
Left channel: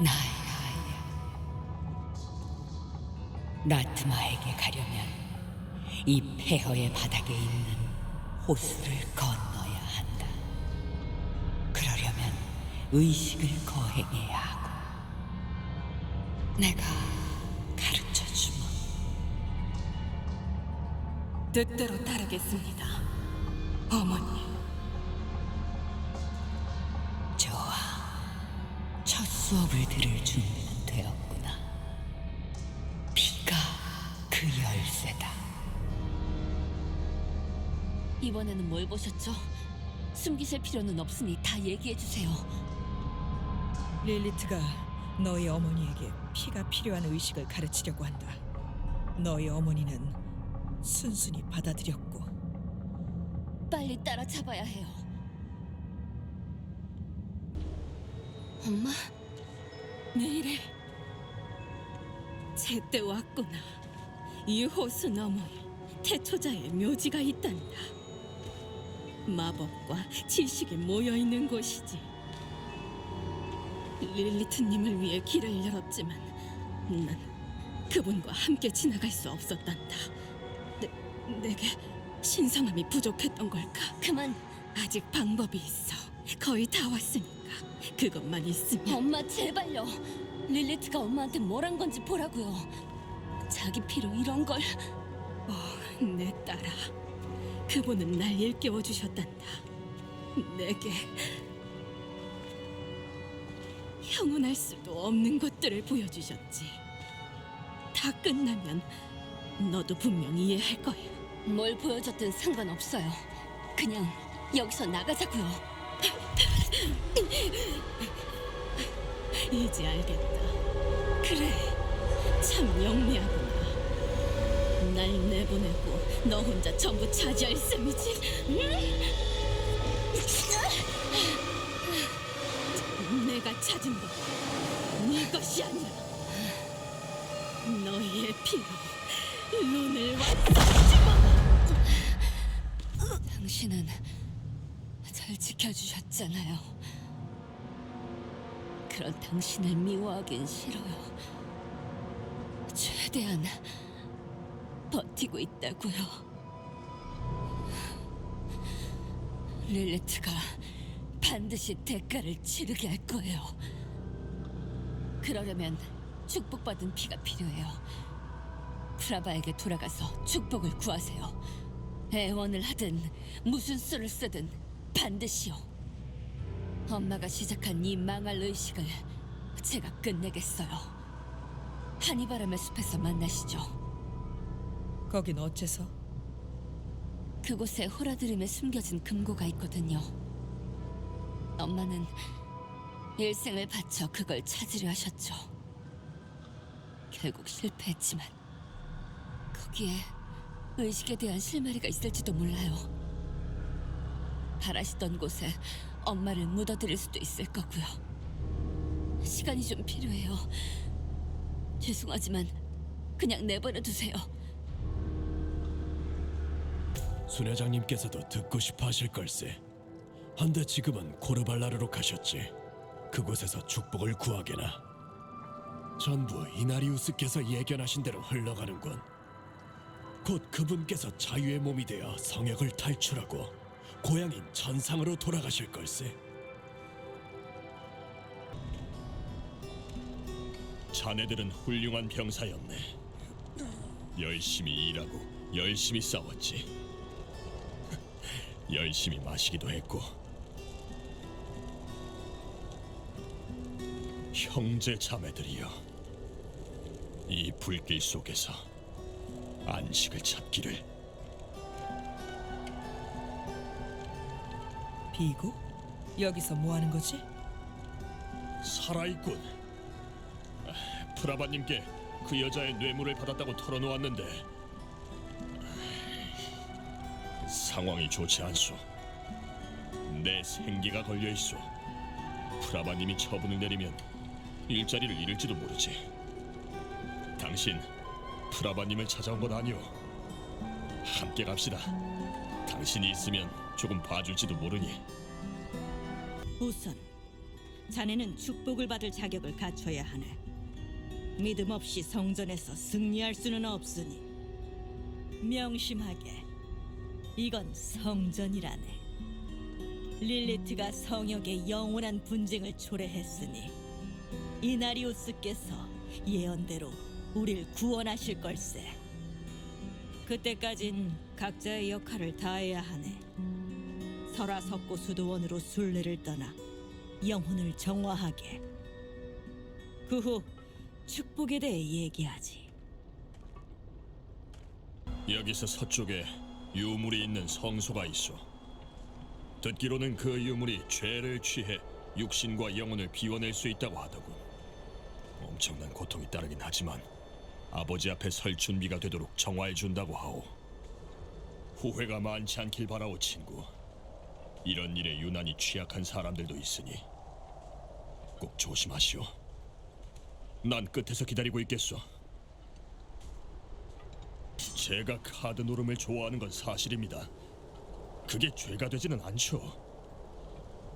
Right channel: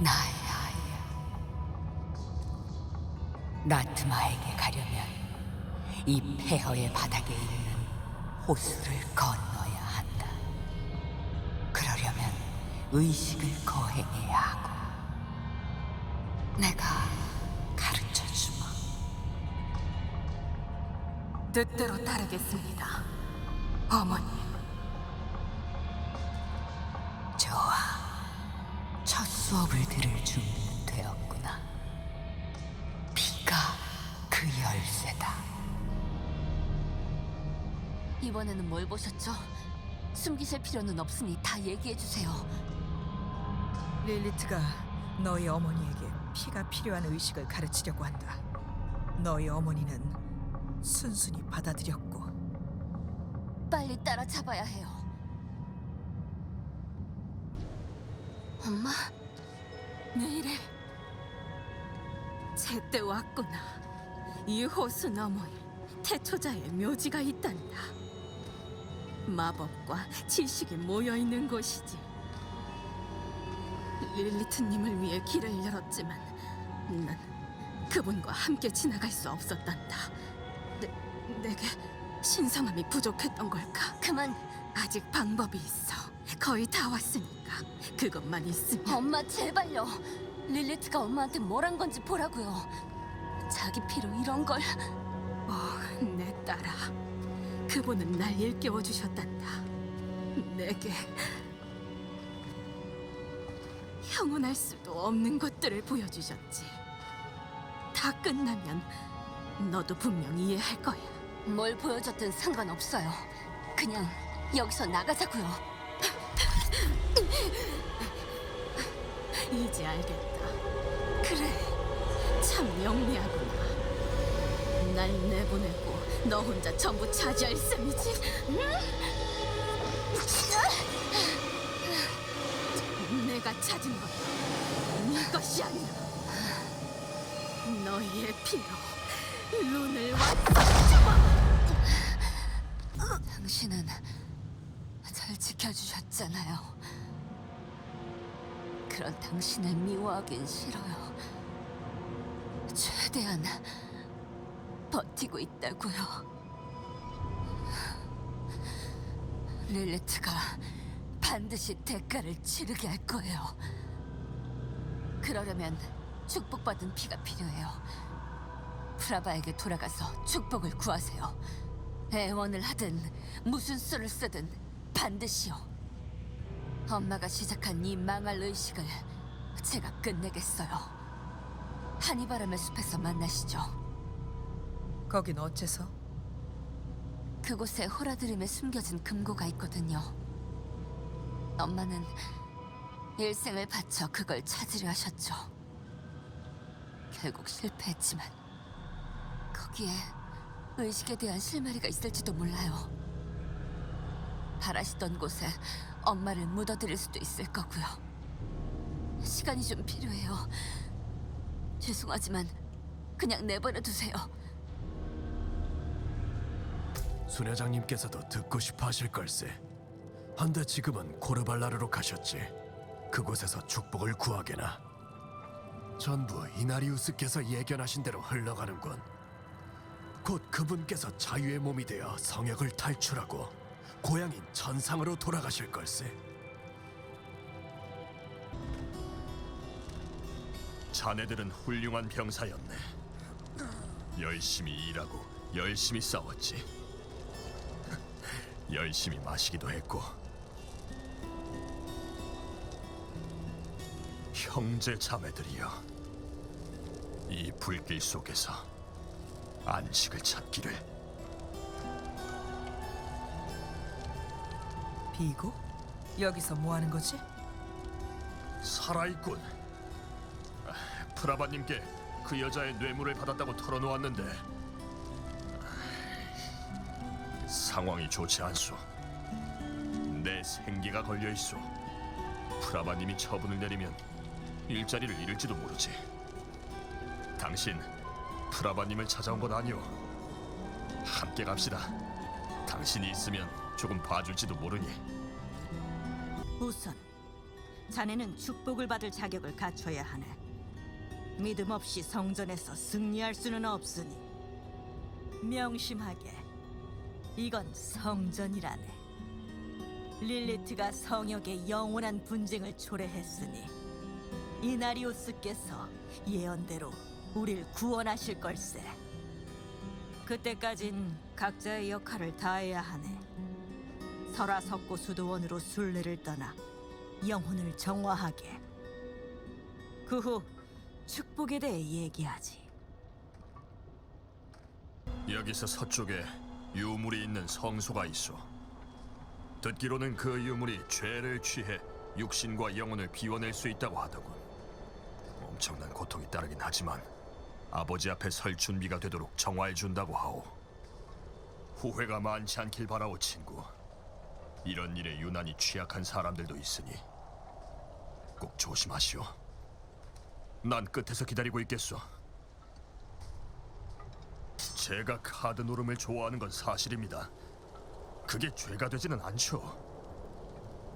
나의 아이야. 라트마에게 가려면 이 폐허의 바닥에 있는 호수를 건너야 한다. 그러려면 의식을 거행해야 하고. 내가 가르쳐주마. 뜻대로 따르겠습니다, 어머니. 좋아. 첫 수업을 들을 준비는 되었구나. 피가 그 열쇠다. 이번에는 뭘 보셨죠? 숨기실 필요는 없으니 다 얘기해 주세요. 릴리트가 너희 어머니에게 피가 필요한 의식을 가르치려고 한다. 너희 어머니는 순순히 받아들였고. 빨리 따라잡아야 해요. 엄마, 왜 이래? 제때 왔구나. 이 호수 너머에 태초자의 묘지가 있단다. 마법과 지식이 모여있는 곳이지. 릴리트님을 위해 길을 열었지만 난 그분과 함께 지나갈 수 없었단다. 내게 신성함이 부족했던 걸까? 그만. 아직 방법이 있어. 거의 다 왔으니까 그것만 있으면. 엄마 제발요. 릴리트가 엄마한테 뭘 한 건지 보라고요. 자기 피로 이런 걸. 내 딸아. 그분은 날 일깨워 주셨단다. 내게 형언할 수도 없는 것들을 보여주셨지. 다 끝나면 너도 분명 이해할 거야. 뭘 보여줬든 상관없어요. 그냥 여기서 나가자고요. 이제 알겠다. 그래, 참 영리하구나. 날 내보내고 너 혼자 전부 차지할 셈이지. 내가 찾은 건 네 것이 아니라 너희의 피로 룬을 완성해주마. 당신은 절 지켜주셨잖아요. 그런 당신을 미워하긴 싫어요. 최대한 버티고 있다고요. 릴리트가 반드시 대가를 치르게 할 거예요. 그러려면 축복받은 피가 필요해요. 프라바에게 돌아가서 축복을 구하세요. 애원을 하든 무슨 수를 쓰든 반드시요. 엄마가 시작한 이 망할 의식을 제가 끝내겠어요. 한이바람의 숲에서 만나시죠. 거긴 어째서? 그곳에 호라드림에 숨겨진 금고가 있거든요. 엄마는 일생을 바쳐 그걸 찾으려 하셨죠. 결국 실패했지만 거기에 의식에 대한 실마리가 있을지도 몰라요. 바라시던 곳에 엄마를 묻어드릴 수도 있을 거고요. 시간이 좀 필요해요. 죄송하지만 그냥 내버려 두세요. 수녀장님께서도 듣고 싶어 하실 걸세. 한데 지금은 고르발라르로 가셨지. 그곳에서 축복을 구하게나. 전부 이나리우스께서 예견하신 대로 흘러가는군. 곧 그분께서 자유의 몸이 되어 성역을 탈출하고 고향인 전상으로 돌아가실 걸세. 자네들은 훌륭한 병사였네. 열심히 일하고 열심히 싸웠지. 열심히 마시기도 했고. 형제 자매들이여, 이 불길 속에서 안식을 찾기를. 비고? 여기서 뭐 하는 거지? 살아있군. 프라바님께 그 여자의 뇌물을 받았다고 털어놓았는데 상황이 좋지 않소. 내 생기가 걸려있소. 프라바님이 처분을 내리면 일자리를 잃을지도 모르지. 당신 프라바님을 찾아온 것 아니오. 함께 갑시다. 당신이 있으면 조금 봐줄지도 모르니. 우선 자네는 축복을 받을 자격을 갖춰야 하네. 믿음 없이 성전에서 승리할 수는 없으니 명심하게. 이건 성전이라네. 릴리트가 성역의 영원한 분쟁을 초래했으니 이나리우스께서 예언대로 우릴 구원하실 걸세. 그때까진 각자의 역할을 다해야 하네. 설화석고 수도원으로 순례를 떠나 영혼을 정화하게. 그 후 축복에 대해 얘기하지. 여기서 서쪽에 유물이 있는 성소가 있어. 듣기로는 그 유물이 죄를 취해 육신과 영혼을 비워낼 수 있다고 하더군. 엄청난 고통이 따르긴 하지만 아버지 앞에 설 준비가 되도록 정화해준다고 하오. 후회가 많지 않길 바라오, 친구. 이런 일에 유난히 취약한 사람들도 있으니 꼭 조심하시오. 난 끝에서 기다리고 있겠소. 제가 카드 노름을 좋아하는 건 사실입니다. 그게 죄가 되지는 않죠.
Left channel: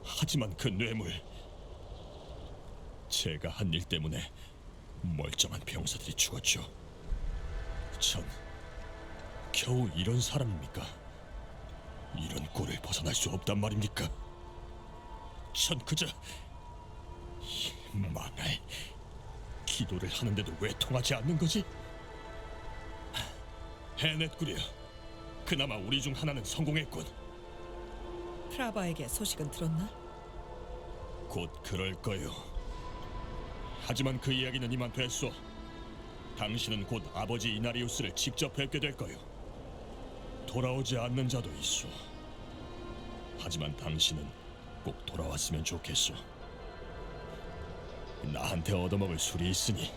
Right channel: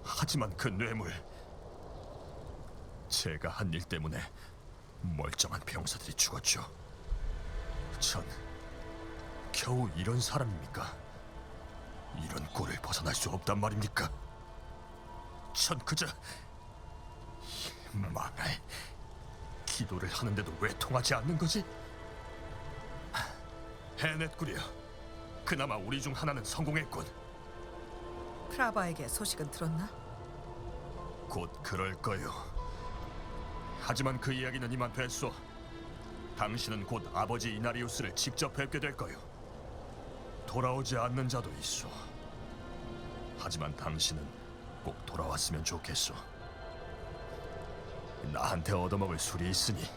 하지만 그 뇌물, 제가 한 일 때문에 멀쩡한 병사들이 죽었죠. 전 겨우 이런 사람입니까? 이런 꼴을 벗어날 수 없단 말입니까? 전 그저 망할, 기도를 하는데도 왜 통하지 않는 거지? 해냈구려. 그나마 우리 중 하나는 성공했군. 프라바에게 소식은 들었나? 곧 그럴 거요. 하지만 그 이야기는 이만 됐소. 당신은 곧 아버지 이나리우스를 직접 뵙게 될 거요. 돌아오지 않는 자도 있소. 하지만 당신은 꼭 돌아왔으면 좋겠소. 나한테 얻어먹을 술이 있으니.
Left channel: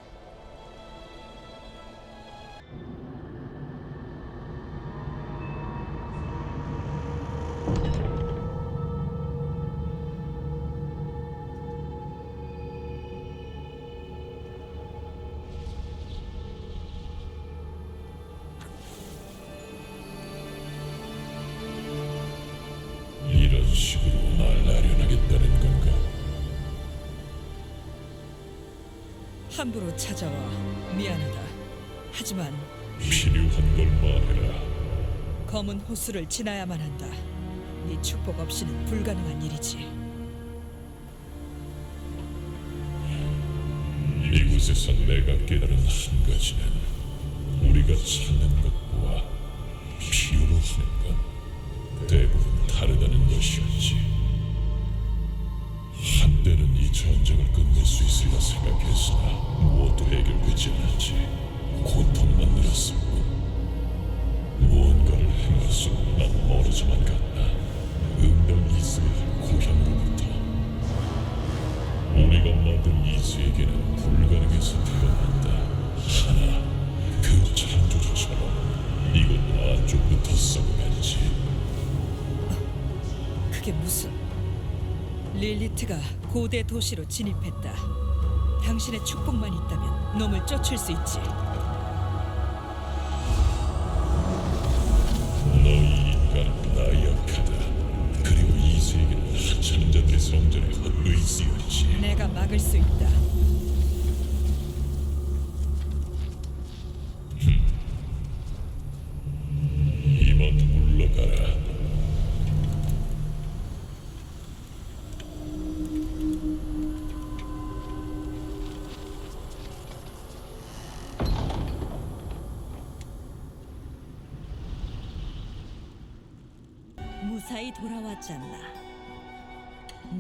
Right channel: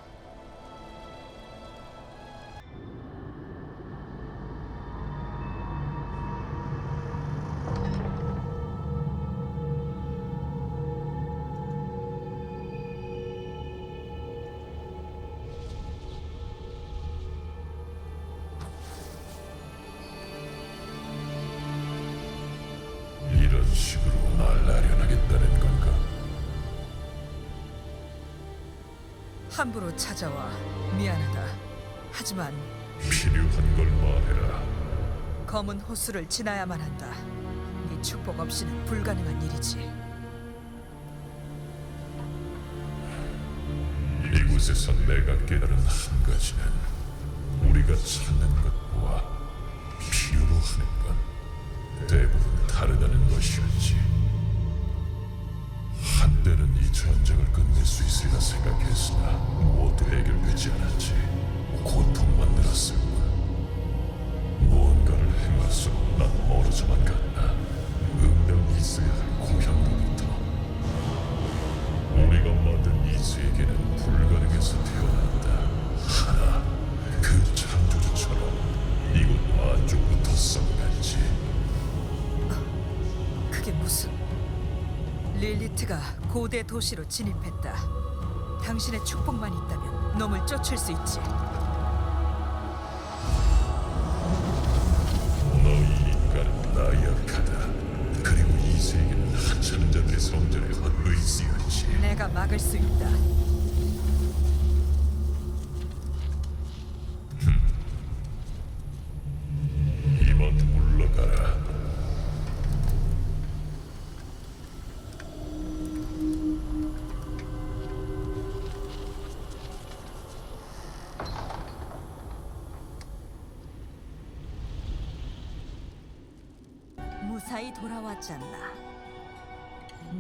함부로 찾아와 미안하다. 하지만 필요한 걸 말해라. 검은 호수를 지나야만 한다. 네 축복 없이는 불가능한 일이지. 이곳에서 내가 깨달은 한 가지는 우리가 찾는 것과 필요로 하는 건 대부분 다르다는 것이었지. 한때는 이 전쟁을 끝낼 수 있으리라 생각했으나 모두 해결되지 않았지. 고통만 늘었을 뿐. 무언가를 행할수록 난 멀어져만 갔다. 응당 있어야 할 고향으로부터. 우리가 만든 이 세계는 불가능해서 태어난다. 하나, 그 창조주처럼 이것도 안쪽부터 썩어간지. 그게 무슨... 릴리트가 고대 도시로 진입했다. 당신의 축복만 있다면 놈을 쫓을 수 있지. 너희 인간은 나약하다. 그리고 이 세계는 하찮은 자들의 성전의 헛의지였지. 내가 막을 수 있다. 이만 물러가라. 무사히 돌아왔잖아.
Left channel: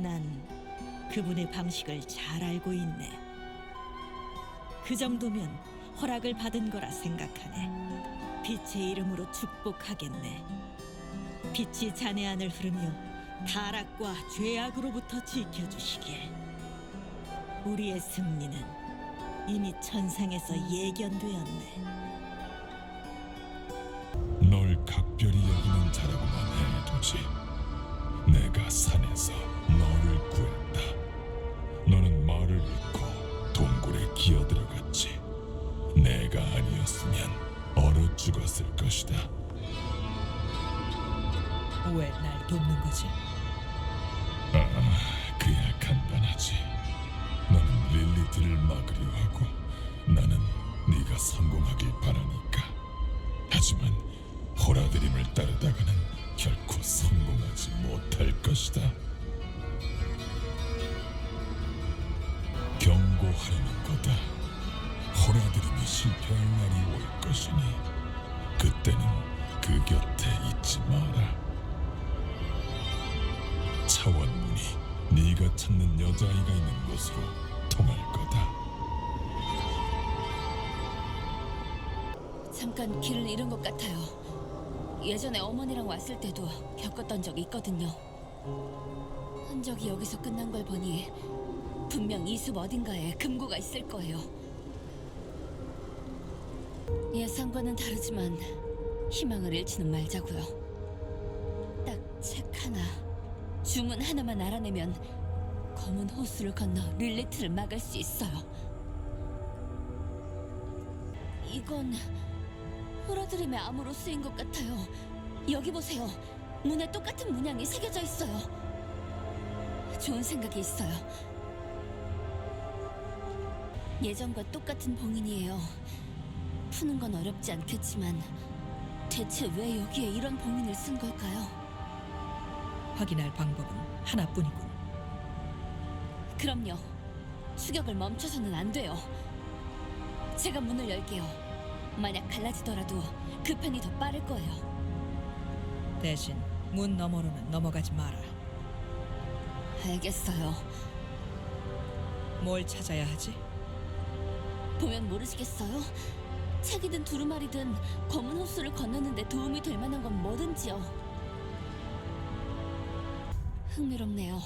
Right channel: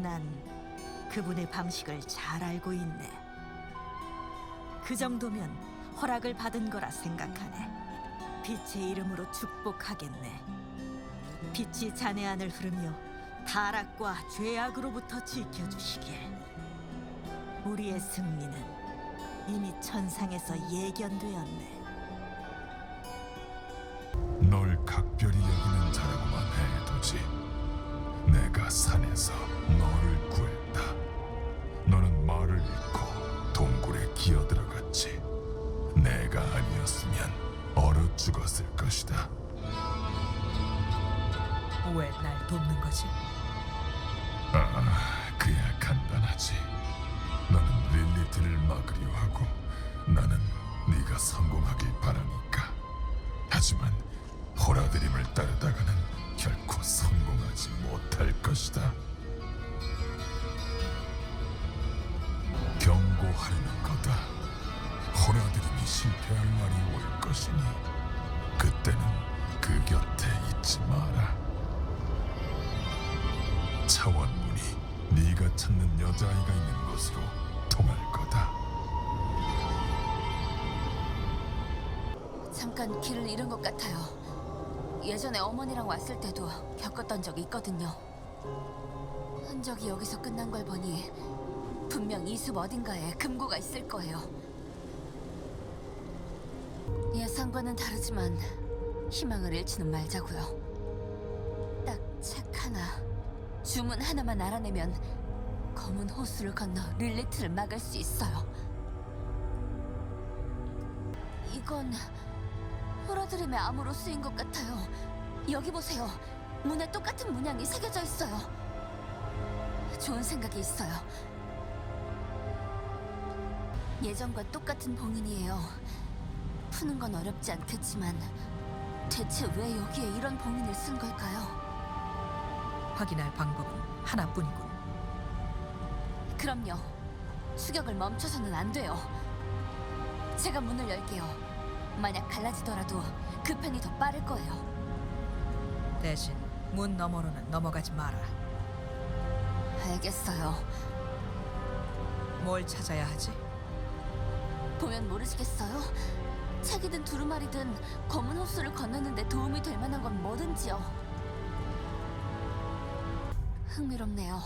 난 그분의 방식을 잘 알고 있네. 그 정도면 허락을 받은 거라 생각하네. 빛의 이름으로 축복하겠네. 빛이 자네 안을 흐르며 타락과 죄악으로부터 지켜주시길. 우리의 승리는 이미 천상에서 예견되었네. 널 각별히 여기는 자라고만 해두지. 내가 산에서 너를 구했다. 너는 말을 잃고 동굴에 기어들어갔지. 내가 아니었으면 얼어 죽었을 것이다. 왜 날 돕는 거지? 그야 간단하지. 너는 릴리트를 막으려 하고 나는 네가 성공하길 바라니까. 하지만 호라드림을 따르다가는 결코 성공하지 못할 것이다. 경고하려는 거다. 호라드림이 실패할 날이 올 것이니 그때는 그 곁에 있지 마라. 차원문이 네가 찾는 여자아이가 있는 곳으로 통할 거다. 잠깐 길을 잃은 것 같아요. 예전에 어머니랑 왔을 때도 겪었던 적이 있거든요. 흔적이 여기서 끝난 걸 보니 분명 이 숲 어딘가에 금고가 있을 거예요. 예상과는 다르지만 희망을 잃지는 말자고요. 딱 책 하나, 주문 하나만 알아내면 검은 호수를 건너 릴리트를 막을 수 있어요. 이건 호라드림의 암호로 쓰인 것 같아요. 여기 보세요. 문에 똑같은 문양이 새겨져 있어요. 좋은 생각이 있어요. 예전과 똑같은 봉인이에요. 푸는 건 어렵지 않겠지만 대체 왜 여기에 이런 봉인을 쓴 걸까요? 확인할 방법은 하나뿐이군. 그럼요. 추격을 멈춰서는 안 돼요. 제가 문을 열게요. 만약 갈라지더라도 그 편이 더 빠를 거예요. 대신 문 너머로는 넘어가지 마라. 알겠어요. 뭘 찾아야 하지? 보면 모르시겠어요? 책이든 두루마리든 검은 호수를 건너는데 도움이 될 만한 건 뭐든지요. 흥미롭네요.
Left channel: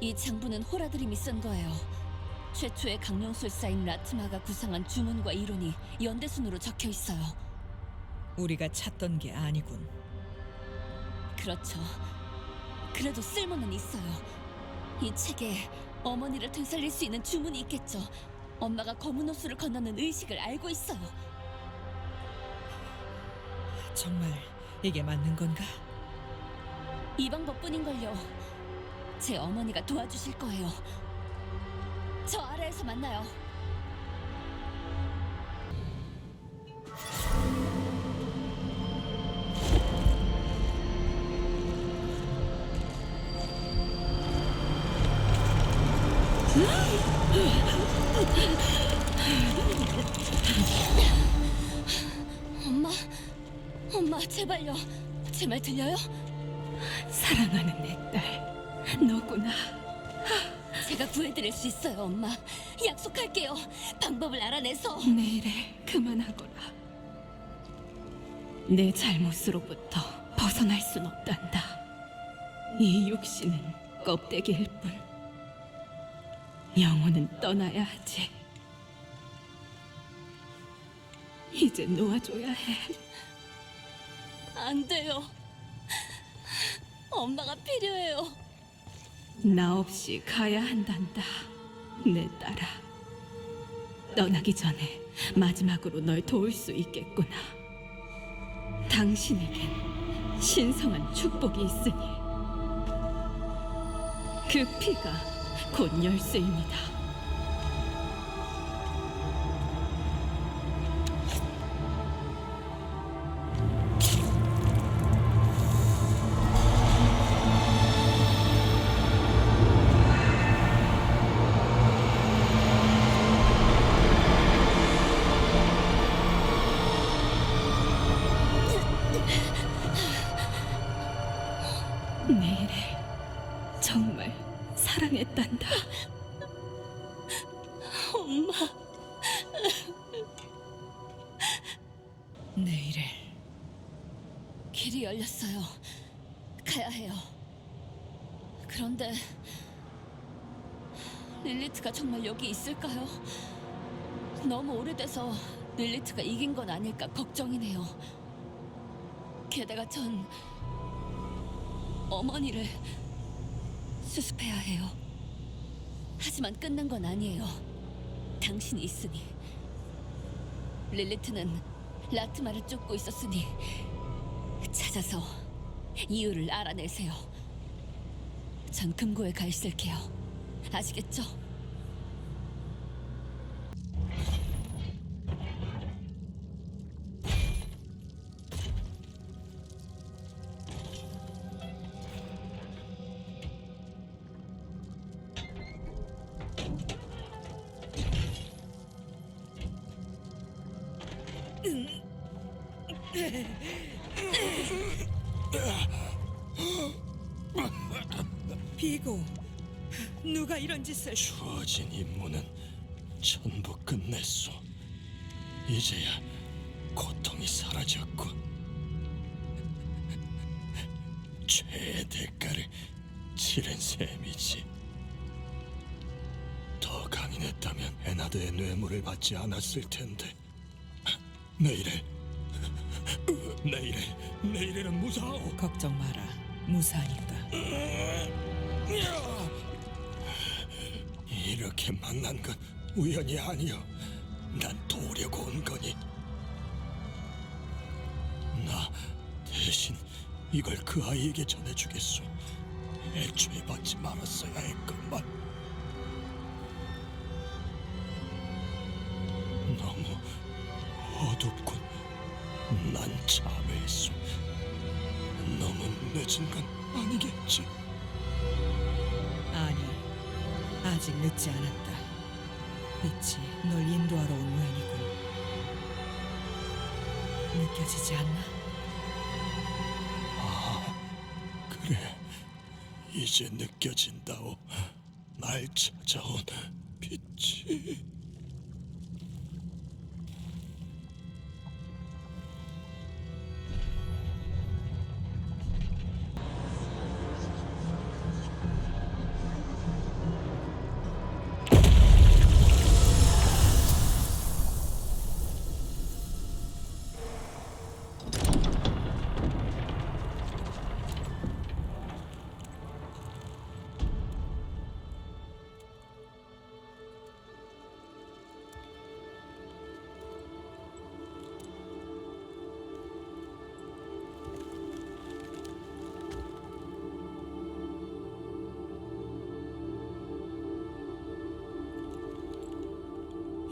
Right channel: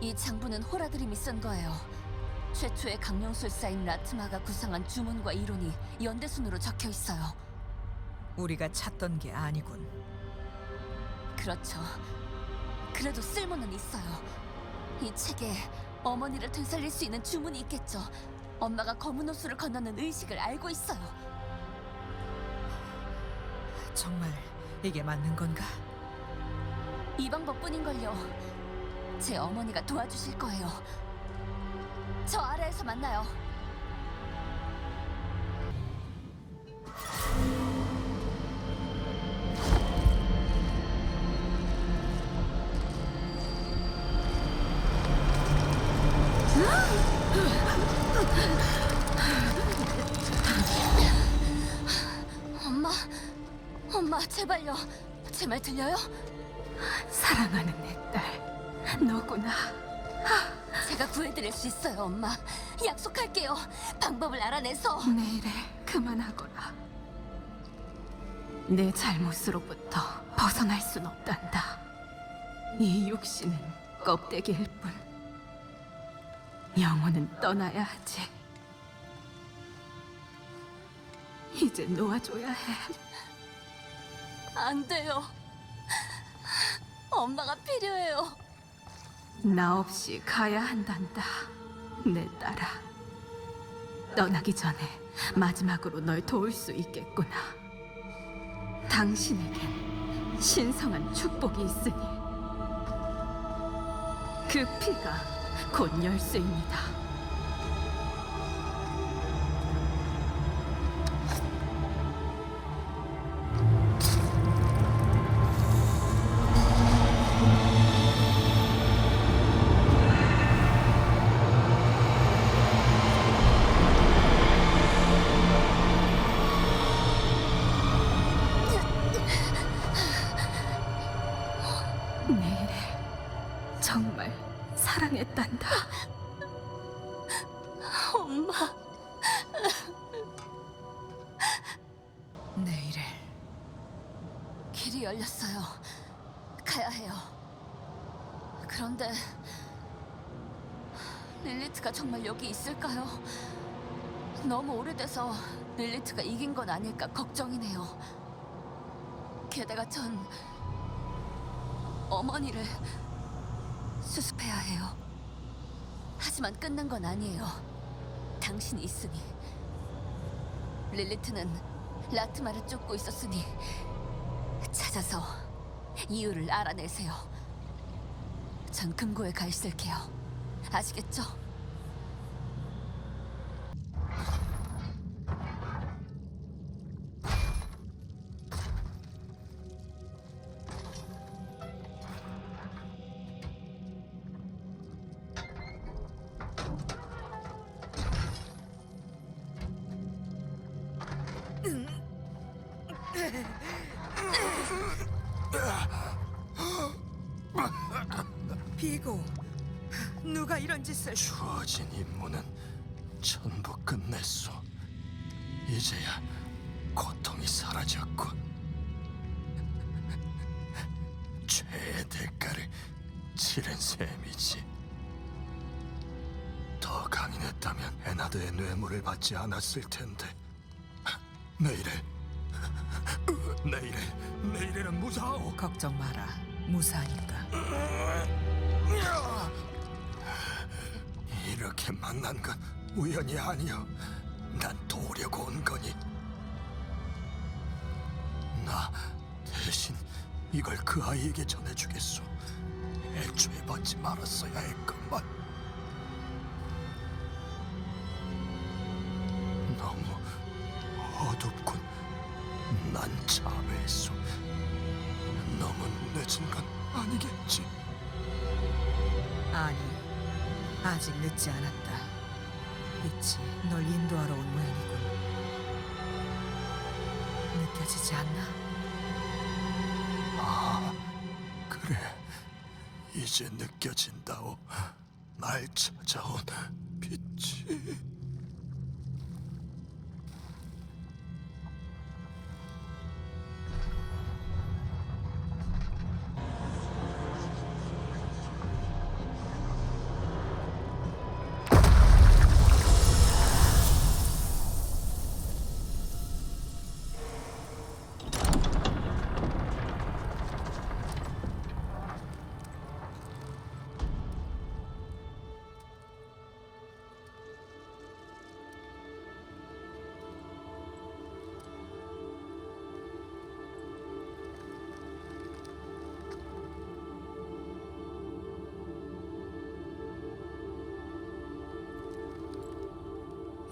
이 장부는 호라드림이 쓴 거예요. 최초의 강령술사인 라트마가 구상한 주문과 이론이 연대순으로 적혀 있어요. 우리가 찾던 게 아니군. 그렇죠. 그래도 쓸모는 있어요. 이 책에 어머니를 되살릴 수 있는 주문이 있겠죠. 엄마가 검은 호수를 건너는 의식을 알고 있어요. 정말 이게 맞는 건가? 이 방법뿐인걸요. 제 어머니가 도와주실 거예요. 저 아래에서 만나요. 엄마, 엄마 제발요. 제 말 들려요? 사랑하는 내 딸, 너구나. 제가 구해드릴 수 있어요, 엄마. 약속할게요. 방법을 알아내서. 내일에 그만하거라. 내 잘못으로부터 벗어날 순 없단다. 이 육신은 껍데기일 뿐 영혼은 떠나야 하지. 이제 놓아줘야 해. 안 돼요. 엄마가 필요해요. 나 없이 가야 한단다, 내 딸아. 떠나기 전에 마지막으로 널 도울 수 있겠구나. 당신에겐 신성한 축복이 있으니 그 피가 곧 열쇠입니다. 내일을 정말 사랑했단다. 엄마. 내일을 길이 열렸어요. 가야 해요. 그런데 릴리트가 정말 여기 있을까요? 너무 오래돼서 릴리트가 이긴 건 아닐까 걱정이네요. 게다가 전 어머니를 수습해야 해요. 하지만 끝난 건 아니에요. 당신이 있으니. 릴리트는 라트마를 쫓고 있었으니 찾아서 이유를 알아내세요. 전 금고에 가 있을게요. 아시겠죠? 비고, 누가 이런 짓을? 주어진 임무는 전부 끝냈소. 이제야 고통이 사라졌군. 죄의 대가를 치른 셈이지. 더 강인했다면 에나드의 뇌물을 받지 않았을 텐데. 내일은 무사하오. 걱정 마라. 무사하니까. 이렇게 만난 건 우연이 아니여. 난 도우려고 온 거니. 나 대신 이걸 그 아이에게 전해주겠소. 애초에 받지 말았어야 했건만. 너무 어둡군. 난 참회했소. 너무 늦은 건 아니겠지? 아니, 아직 늦지 않았다. 빛이 널 인도하러 온 모양이군. 느껴지지 않나? 그래, 이제 느껴진다오. 날 찾아온 빛이.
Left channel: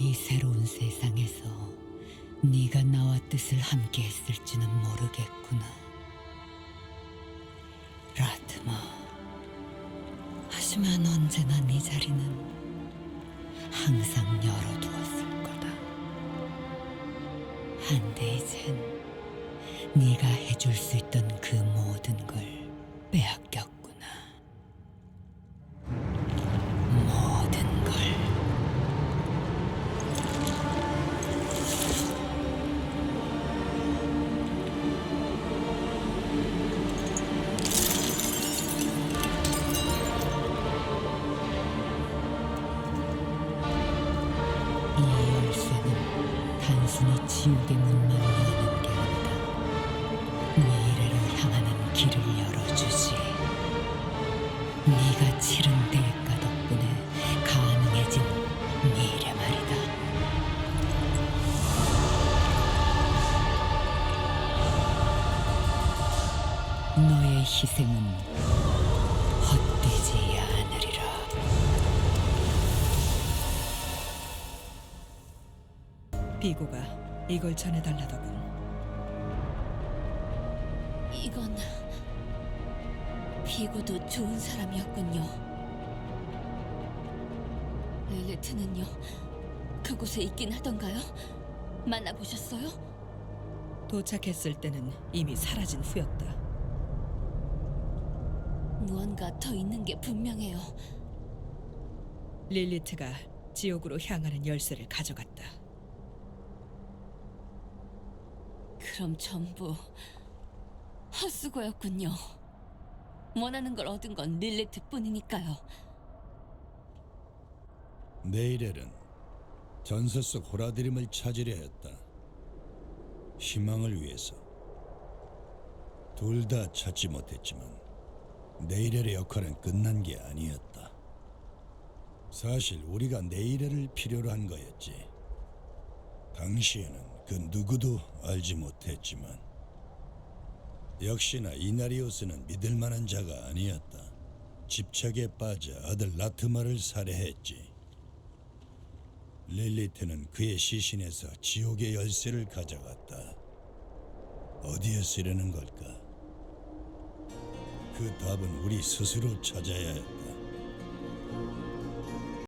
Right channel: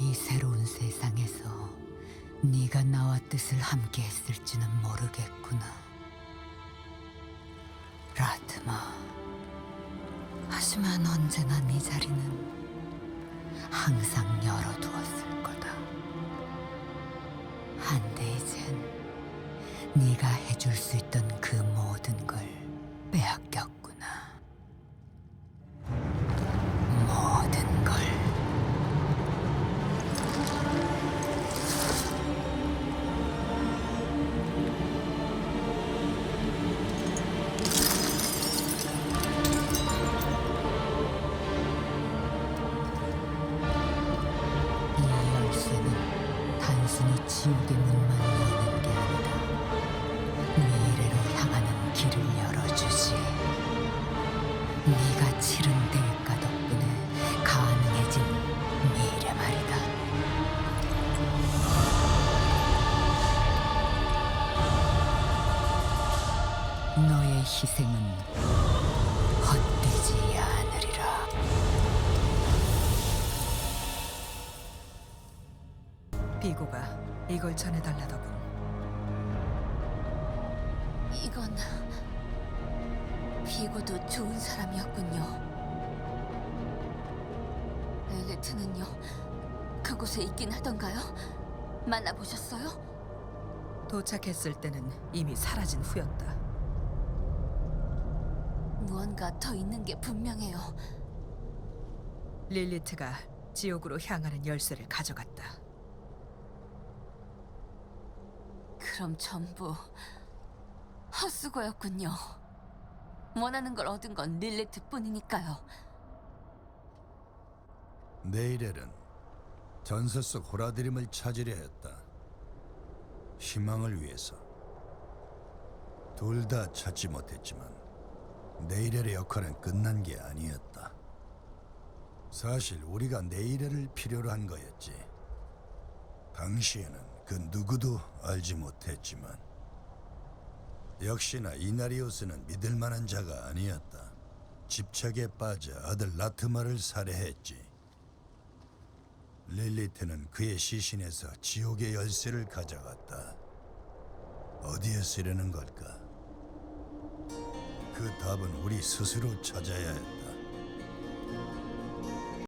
이 새로운 세상에서 네가 나와 뜻을 함께 했을지는 모르겠구나. 라트마. 하지만 언제나 네 자리는 항상 열어두었을 거다. 한데 이젠 네가 해줄 수 있던 그 모든 걸 빼앗겼구나. 모든 걸. 이 열쇠는 단순히 지옥의 문만 여는 게 아니다. 미래로 향하는 길을 열어주지. 네가 치른 대가 덕분에 가능해진 미래 말이다. 너의 희생은 헛되지 않으리라. 비고가 이걸 전해달라더군. 이건 비고도 좋은 사람이었군요. 릴리트는요? 그곳에 있긴 하던가요? 만나보셨어요? 도착했을 때는 이미 사라진 후였다. 무언가 더 있는 게 분명해요. 릴리트가 지옥으로 향하는 열쇠를 가져갔다. 그럼 전부 헛수고였군요. 원하는 걸 얻은 건 릴리트뿐이니까요. 네이렐은 전설 속 호라드림을 찾으려 했다. 희망을 위해서. 둘 다 찾지 못했지만 네이렐의 역할은 끝난 게 아니었다. 사실 우리가 네이렐을 필요로 한 거였지. 당시에는 그 누구도 알지 못했지만 역시나 이나리오스는 믿을 만한 자가 아니었다. 집착에 빠져 아들 라트마를 살해했지. 릴리트는 그의 시신에서 지옥의 열쇠를 가져갔다. 어디에 쓰려는 걸까? 그 답은 우리 스스로 찾아야 했다.